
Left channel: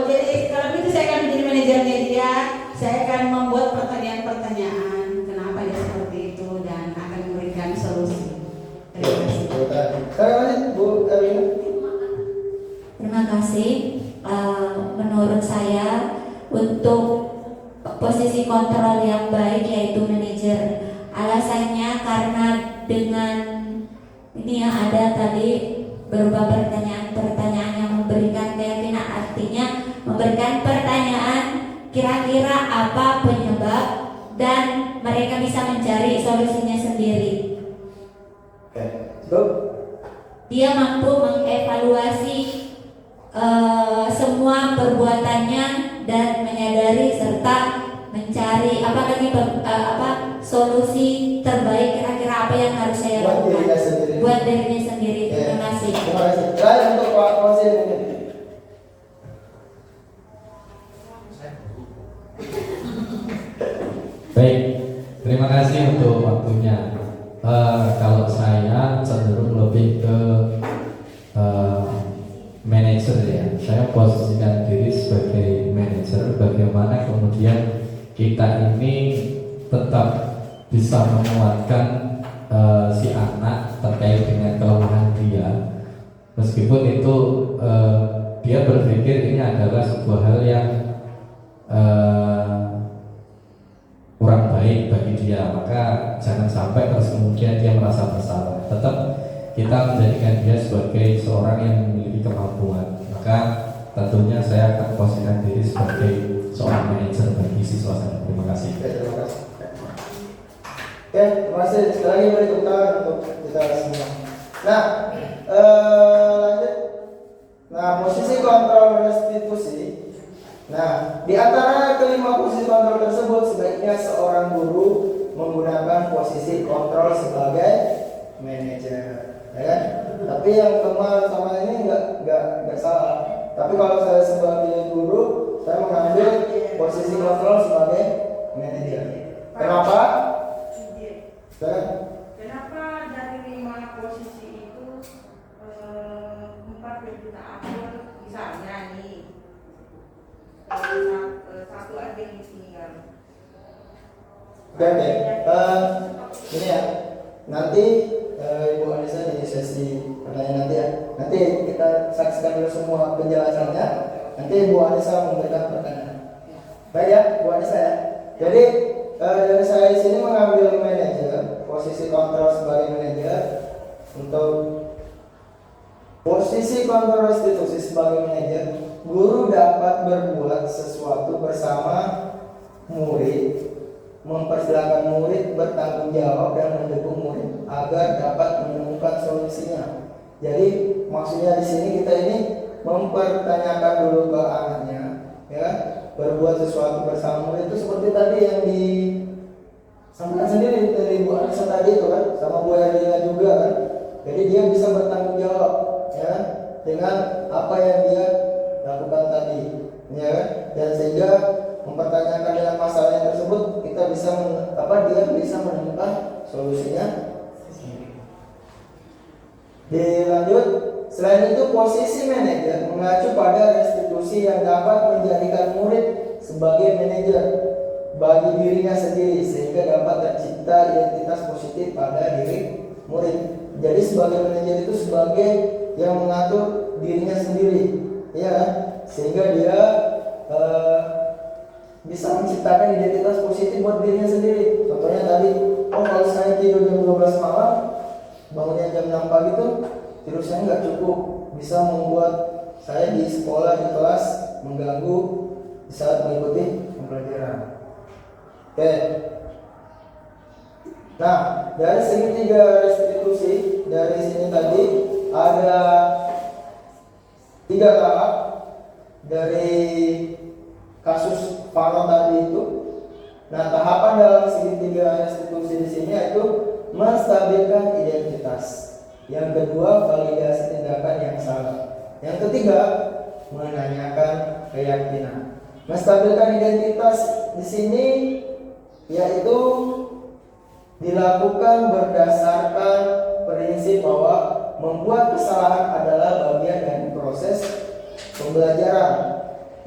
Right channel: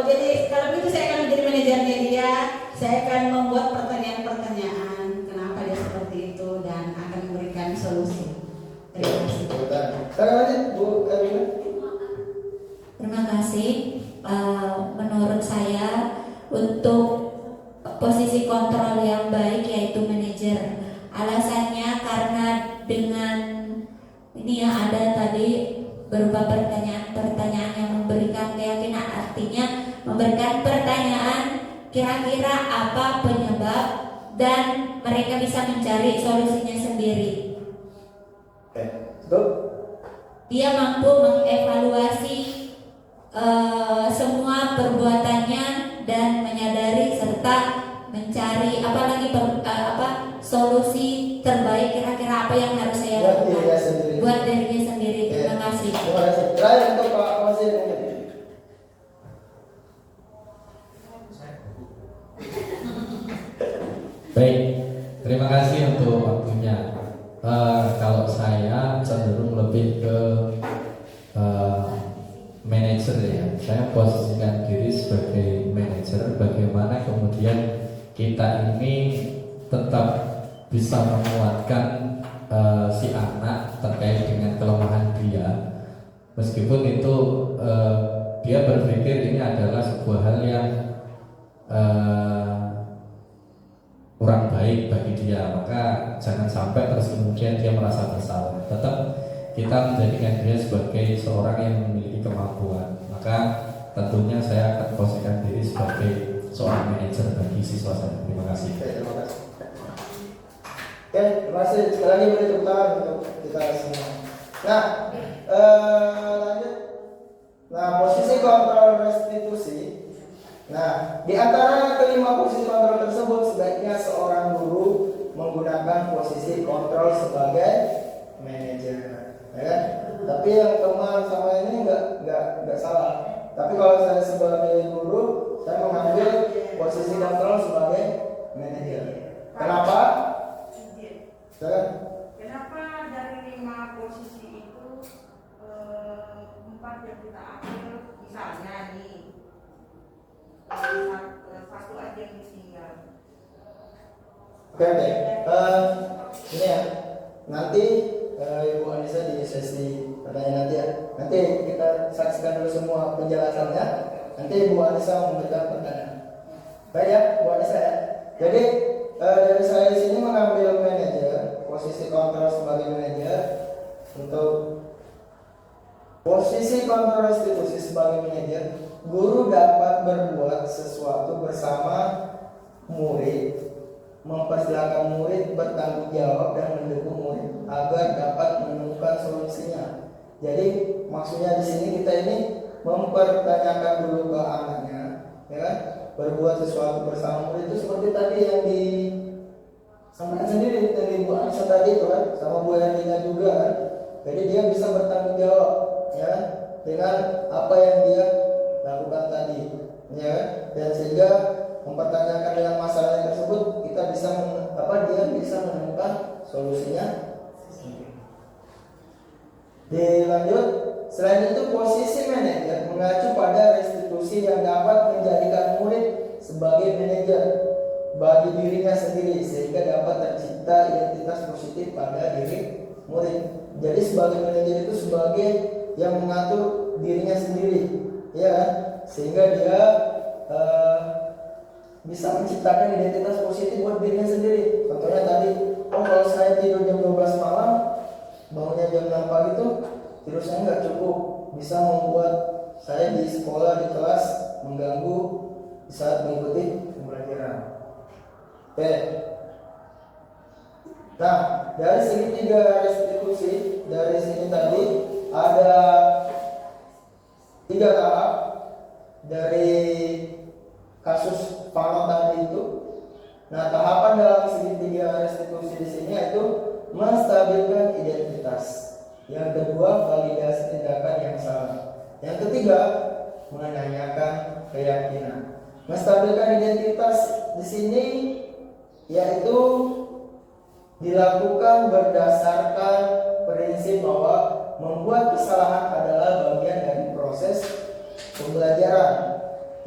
Jadi kalau itu saya akan menjadi manajernya dia. Saya akan membuat pertanyaan-pertanyaan ini ya ada tadi berupa pertanyaan-pertanyaan yang memberikan keyakinan, artinya memberikan pertanyaan kira-kira apa penyebab dan mereka bisa mencari solusinya sendiri. Oke, cukup. Dia mampu mengevaluasi semua perbuatannya dan menyadari serta mencari solusi terbaik, kira-kira apa yang harus saya Buat lakukan dirinya sendiri. buat dirinya sendiri. Terima kasih. Terima kasih. Saya untuk Pak Konsil ini. Baik, terima kasih untuk waktunya. Kalau saya cenderung lebih ke manajer ya. Saya posisikan diri sebagai manajer. Bagaimana kemudian kita ini tetap bisa menguatkan si anak terkait dengan kelemahan dia, meskipun itu dia berpikir ini adalah sebuah hal yang kurang baik bagi dia, maka jangan sampai terus kemudian dia merasa bersalah. Tetap kita menjadikan dia sebagai seorang yang memiliki kemampuan. Maka tentunya saya akan posisikan diri sebagai seorang manajer bagi siswa saya. Terima kasih. Terima kasih. Oke, terima kasih. Sekali lagi beri tepuk tangan untuk kita semua. Nah, lanjut. Nah, posisi kontrol restitusi. Nah, di antara kelima posisi kontrol tersebut sebaiknya seorang guru menggunakan posisi kontrol sebagai manajer, ya kan? Tapi yang teman sama ini nggak salah. Tapi kalau saya sebagai guru, saya mengambil posisi kontrol sebagai manajer. Kenapa? Kenapa dari 5 posisi itu 4 yang kita atur, misalnya ini satu aja yang tinggal. Oke. Ini ya. Nanti Ibu Anissa di sesi pertanyaan nanti ya. Nanti kita saksikan dulu semua penjelasannya. Nanti Ibu Anissa memberikan pertanyaan. Baik ya, Bu Anissa ya. Jadi dari saya di sini mengambil manajer, posisi kontrol sebagai manajer. Untuk posisi kontrol restitusi sebagai manajer, guru dapat berbuat sesuatu bersama murid, mempersilahkan murid bertanggung jawab dan mendukung murid agar dapat menemukan solusinya. Jadi maksudnya di sini kita ini mempertanyakan dulu ke anaknya, ya kan? Berbuat sesuatu bersama murid itu seperti tadi yang disampaikan sendiri dari Bu Anissa tadi itu kan, sama Bu Erlina juga kan. Jadi dia bisa bertanggung jawab, ya kan? Dengan apa yang dia lakukan tadi, ya kan? Dan sehingga mempertanyakan dengan masalahnya tersebut, kita bisa dia bisa menemukan solusinya. Dilanjut, selain itu posisi manajer mengacu pada restitusi yang dapat menjadikan murid sebagai manajer bagi dirinya sendiri sehingga dapat tercipta identitas positif pada diri murid. Jadi sebagai manajer itu sebagai yang mengatur dirinya sendiri, ya, sehingga dia bisa menciptakan identitas positif buat dirinya sendiri. Contohnya tadi, kalau saya tidur jam 12 malam, bangunnya jam 6 pagi itu tidur saya nggak cukup, bisa membuat saya di sekolah, di kelas mengganggu di saat mengikuti pembelajaran. Oke. Nah, dari segitiga restitusi dari sini tadi ada 3 tahap dari kasus Pano tadi itu. Nah, tahapan dalam segitiga restitusi di sini yaitu menstabilkan identitas. Yang kedua, validasi tindakan yang salah. Yang ketiga, menanyakan keyakinan. Menstabilkan identitas di sini yaitu dilakukan berdasarkan prinsip bahwa membuat kesalahan adalah bagian dari proses pembelajaran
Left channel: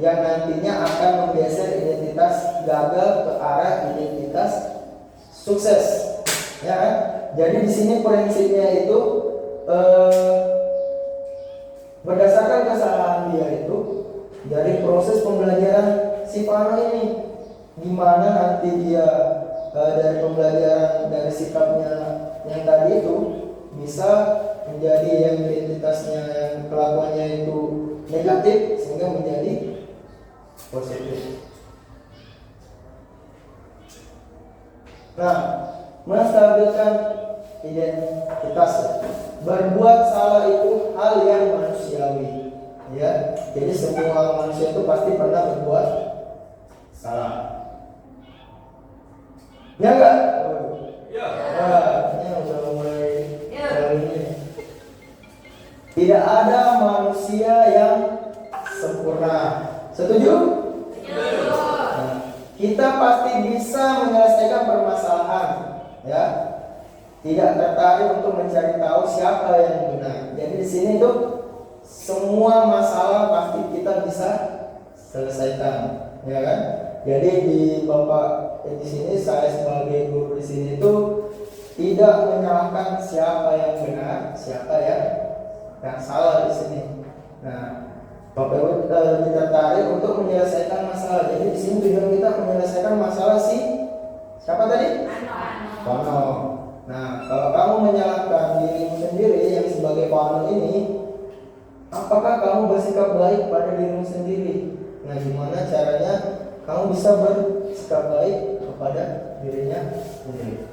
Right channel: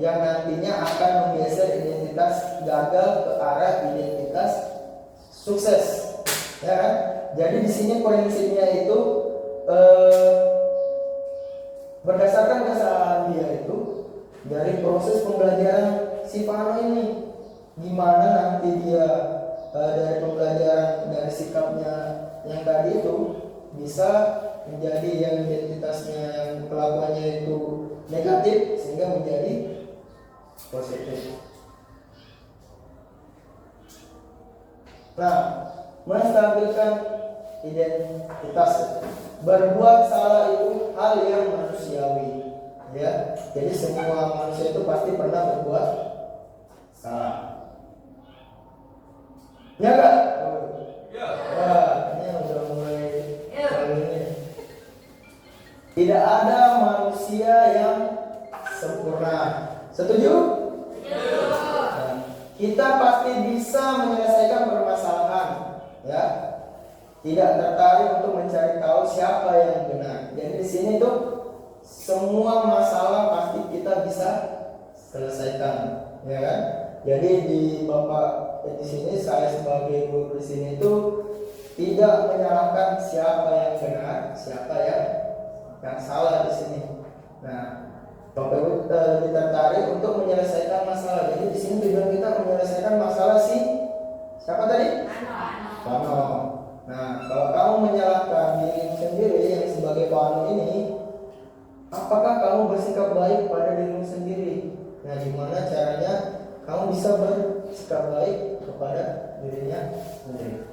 yang nantinya akan menggeser identitas gagal ke arah identitas sukses, ya kan? Jadi di sini prinsipnya itu berdasarkan kesalahan dia itu dari proses pembelajaran si Pano ini, gimana nanti dia dari pembelajaran dari sikapnya yang tadi itu bisa menjadi yang identitasnya, yang kelakuannya itu negatif sehingga menjadi positif. Nah, menstabilkan identitas. Berbuat salah itu hal yang manusiawi, ya. Jadi semua manusia itu pasti pernah berbuat salah. Ya enggak? Ya. Ini udah mulai kali ini. Tidak ada manusia yang sempurna. Setuju? Nah, kita pasti bisa menyelesaikan permasalahan, ya. Tidak tertarik untuk mencari tahu siapa yang benar. Jadi di sini tuh semua masalah pasti kita bisa selesaikan, ya kan? Jadi di Bapak di sini, saya sebagai guru di sini itu tidak menyalahkan siapa yang benar, siapa yang salah di sini. Nah, Bapak Ibu lebih tertarik untuk menyelesaikan masalah. Jadi di sini tujuan kita menyelesaikan masalah siapa tadi? Pano. Nah, kalau kamu menyalahkan dirimu sendiri yang sebagai Pano ini, apakah kamu bersikap baik pada dirimu sendiri? Nah, gimana caranya kamu bisa bersikap baik kepada dirinya sendiri?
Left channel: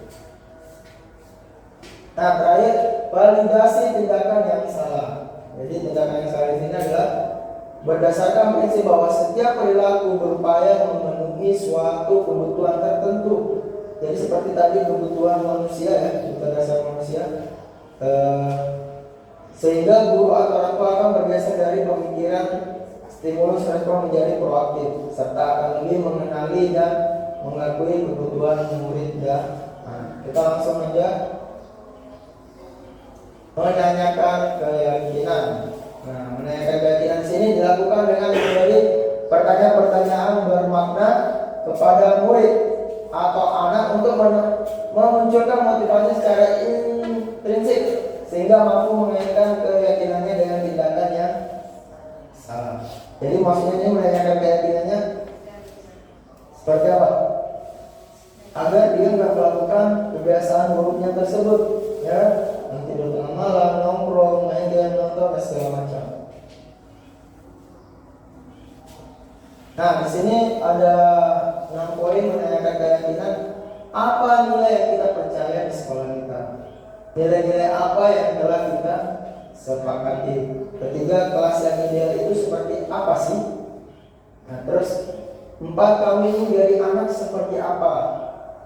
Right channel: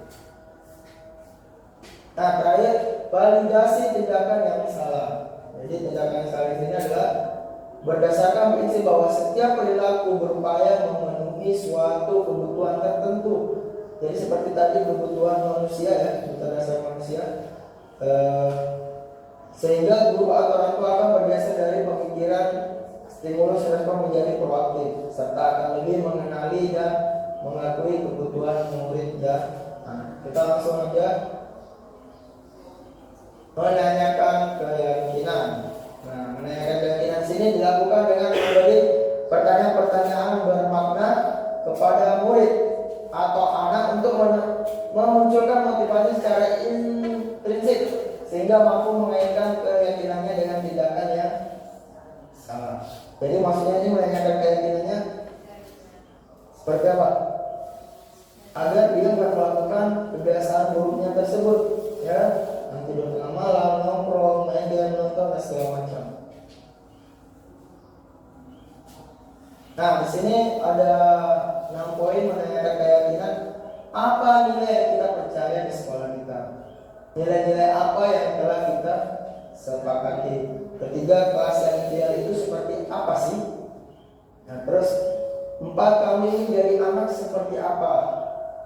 Nah, terakhir, validasi tindakan yang salah. Jadi tindakan yang salah ini adalah berdasarkan prinsip bahwa setiap perilaku berupaya memenuhi suatu kebutuhan tertentu. Jadi seperti tadi kebutuhan manusia, ya, kebutuhan dasar manusia. Sehingga guru atau orang tua akan bergeser dari pemikiran stimulus respon menjadi proaktif, serta akan lebih mengenali dan mengakui kebutuhan murid dan kita langsung aja menanyakan keyakinan. Nah, menanyakan keyakinan sini dilakukan dengan memberi pertanyaan-pertanyaan bermakna kepada murid atau anak untuk memunculkan motivasi secara intrinsik sehingga mampu mengaitkan keyakinannya dengan tindakan yang salah. Jadi maksudnya ini menanyakan keyakinannya seperti apa? Agar dia nggak melakukan kebiasaan buruknya tersebut, ya, tidur tengah malam, nongkrong, main game, nonton, dan segala macam. Nah, di sini ada 6 poin menanyakan keyakinan. Apa nilai yang kita percaya di sekolah kita? Nilai-nilai apa yang telah kita sepakati? Ketiga, kelas yang ideal itu seperti apa sih? Nah, terus 4, kamu ingin dari anak seperti apa?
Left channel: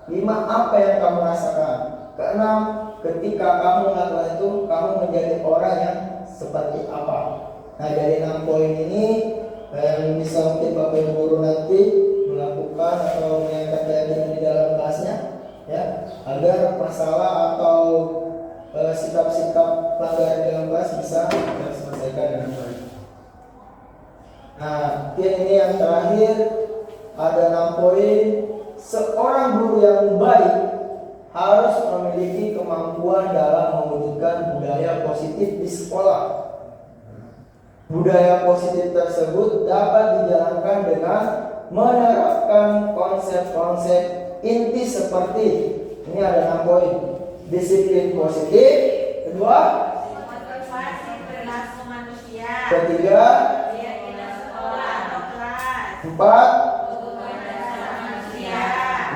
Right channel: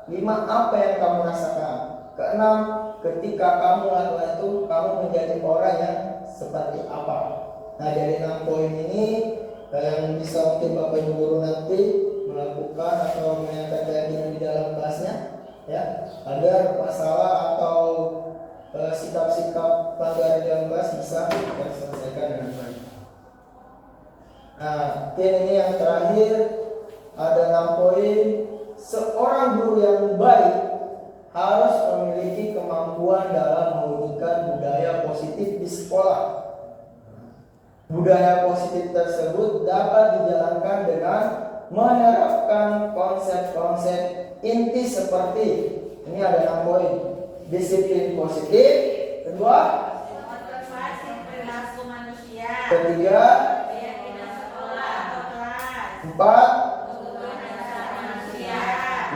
5, apa yang kamu rasakan? Ke-6, ketika kamu melakukan itu, kamu menjadi orang yang seperti apa? Nah, dari 6 poin ini yang bisa mungkin Bapak Ibu guru nanti melakukan atau menanyakan keyakinan di dalam kelasnya, ya, agar masalah atau sikap-sikap pelanggaran di dalam kelas bisa diselesaikan dengan baik. Nah, mungkin ini yang terakhir ada 6 poin. Seorang guru yang baik harus memiliki kemampuan dalam mewujudkan budaya positif di sekolah. Budaya positif tersebut dapat dijalankan dengan menerapkan konsep-konsep inti seperti ini ada 6 poin. Disiplin positif, kedua, motivasi perilaku manusia, ketiga, keyakinan sekolah atau kelas, 4, kebutuhan dasar manusia,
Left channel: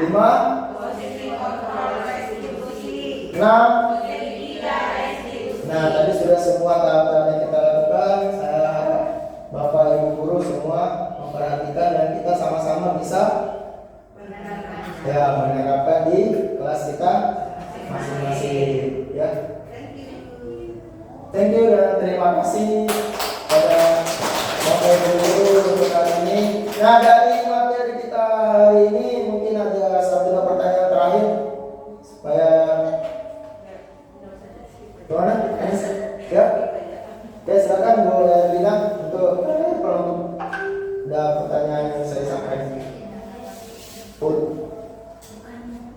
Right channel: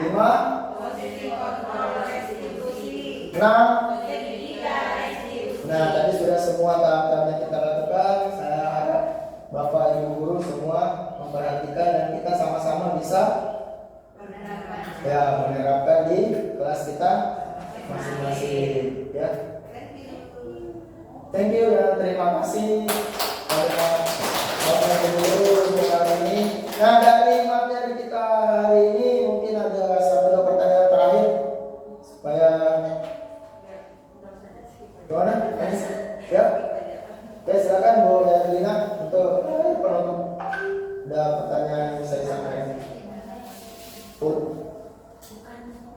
5, posisi kontrol restitusi, 6. jadi tidak restitusi. Nah, tadi sudah semua tahap-tahap yang kita lakukan. Saya harap Bapak Ibu guru semua memperhatikan dan kita sama-sama bisa ya menerapkan di kelas kita masing-masing, ya. Thank you dan terima kasih pada Bapak Ibu guru untuk hari ini. Nah, dari materi kita hari ini mungkin ada 1 pertanyaan terakhir supaya gimana? Ya, ya silakan Bu Lina untuk kalau ada pertanyaan yang saya sampaikan.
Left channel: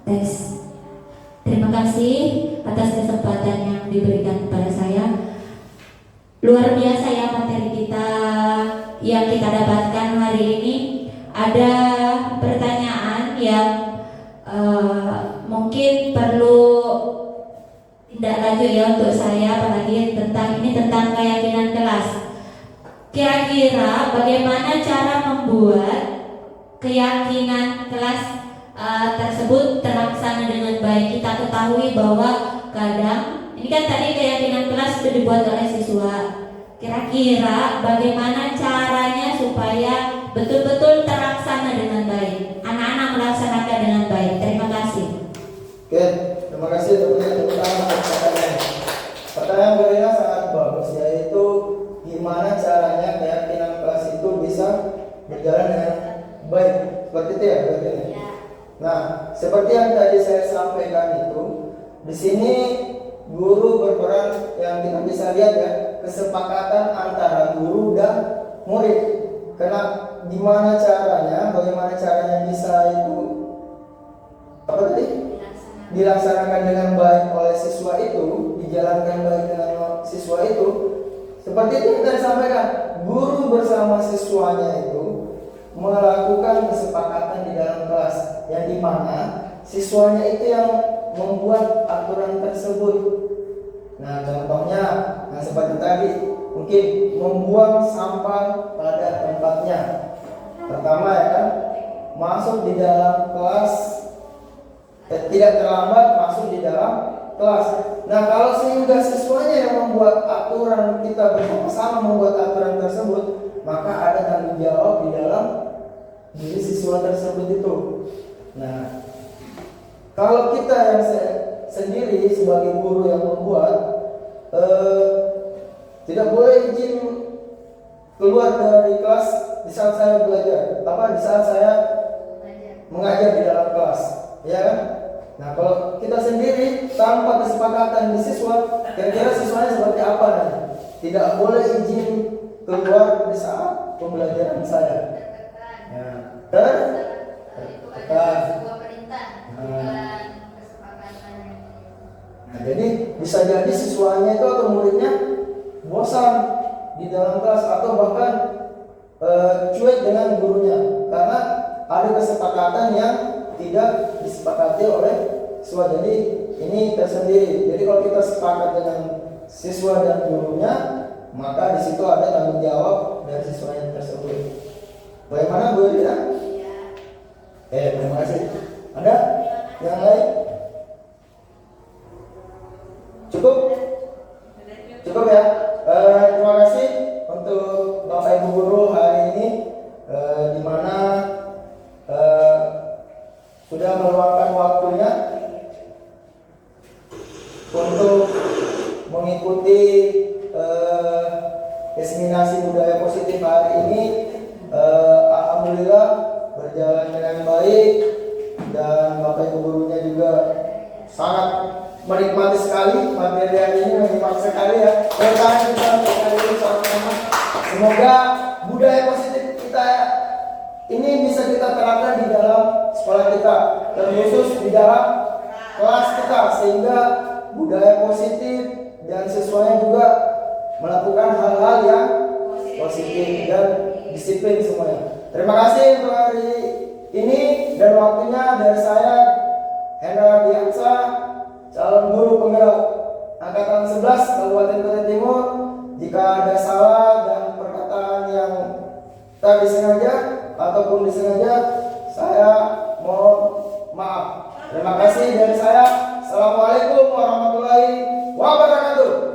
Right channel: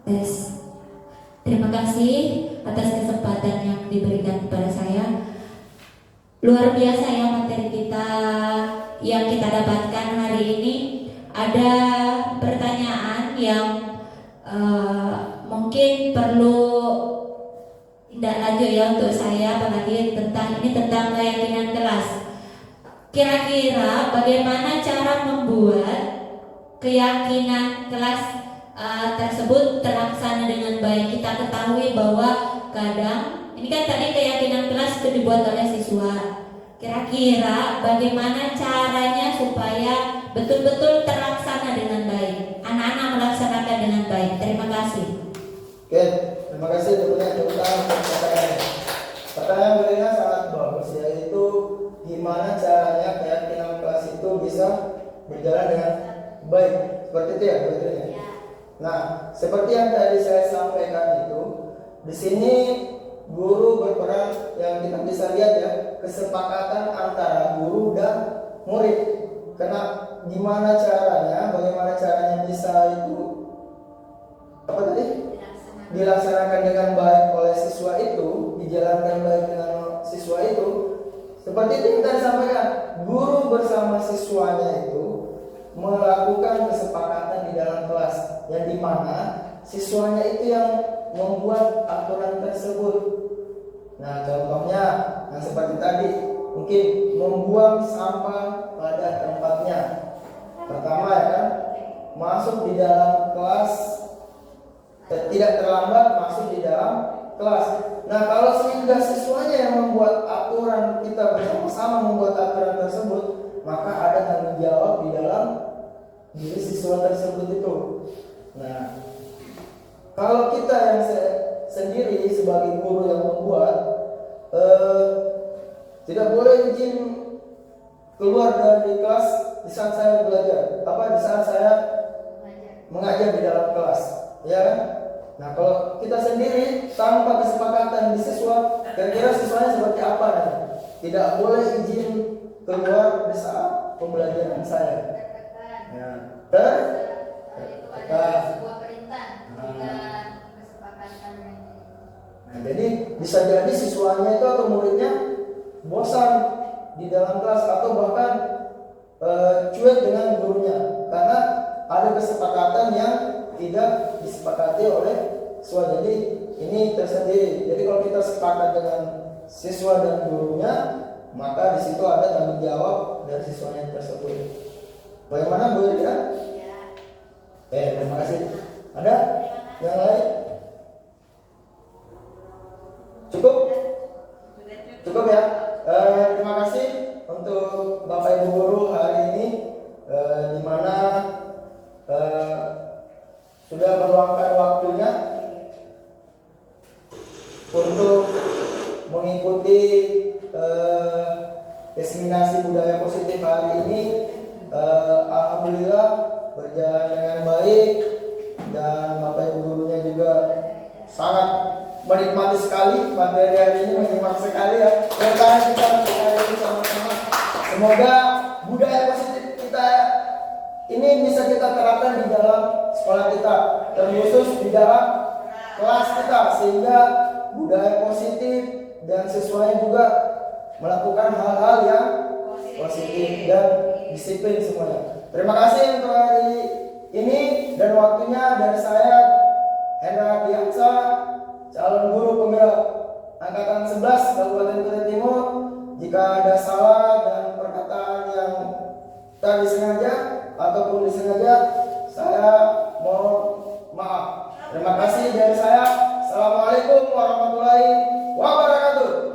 Tes. Terima kasih atas kesempatan yang diberikan kepada saya. Luar biasa ya materi kita yang kita dapatkan hari ini. Ada pertanyaan yang mungkin perlu tindak lanjut ya untuk saya Pak Hadir tentang keyakinan kelas. Kira-kira bagaimana cara membuat keyakinan kelas tersebut terlaksana dengan baik? Kita ketahui bahwa kadang ini kan tadi keyakinan kelas itu dibuat oleh siswa. Kira-kira bagaimana caranya supaya betul-betul terlaksana dengan baik? Anak-anak melaksanakan dengan baik. Terima kasih. Oke, terima kasih pertanyaan berikutnya sangat bagus, yaitu gimana caranya keyakinan kelas itu bisa berjalan dengan baik. Seperti itu ya, Nah, seperti yang tadi saya sampaikan itu, di sini guru berperan yang kita bisa lihat ya, kesepakatan antara guru dan murid. Karena bagaimana caranya bisa itu dilaksanakan dengan baik oleh siswa itu, dijalankan baik dengan siswa itu. Seperti itu yang tadi sampaikan, guru bersama siswanya itu melakukan kesepakatan di dalam kelas, yang dimana siswanya itu yang membuat aturan tersebut. Nah, contohnya yang seperti tadi, mungkin membuang sampah pada tempatnya. Pertama ya kan, masuk di dalam kelas, tidak terlambat masuk di dalam kelas. Nah, kalau sehingga siswanya yang membuat aturan, kita bersama membuat aturan tersebut, maka ada tanggung jawab di dalam diri siswa tersebut itu. Nah, kalau kita yang sendiri sebagai guru yang membuat, tidak boleh izin keluar dari kelas di saat saya belajar, di saat saya mengajar di dalam kelas, ya kan? Nah, kalau kita sendiri tanpa kesepakatan di siswa, kira-kira siswanya seperti apa nanti? Tidak boleh izin keluar di saat pembelajaran saya. Ya, Nah, jadi bisa jadi siswanya itu atau muridnya bosan di dalam kelas atau bahkan cuek dengan gurunya karena ada kesepakatan yang tidak disepakati oleh siswa. Jadi ini tersendiri. Jadi kalau kita sepakat dengan siswa dan gurunya, maka di situ ada tanggung jawab dari siswanya tersebut. Bagaimana Bu Rina? Terima kasih. Ada yang lain? Cukup? Cukup ya. Terima kasih untuk Bapak Ibu guru hari ini, di mana sudah meluangkan waktunya untuk mengikuti diseminasi budaya positif hari ini. Alhamdulillah berjalan dengan baik dan Bapak Ibu gurunya juga sangat menikmati sekali materi hari ini, menikmati sekali ya. Kita hari ini sama-sama. Semoga budaya positif kita ini bisa kita terapkan di dalam sekolah kita, terkhusus di dalam kelas kita, sehingga budaya positif dan siswanya juga melakukan hal-hal yang positif dan disiplin semuanya. Terima kasih untuk hari ini dan waktunya. Dari saya Hendra Biansa, calon guru penggerak angkatan 11 Kabupaten Kutai Timur. Jika ada salah dan perkataan yang tak disengaja ataupun disengaja, saya mohon maaf. Terima kasih dari saya. Assalamualaikum warahmatullahi wabarakatuh.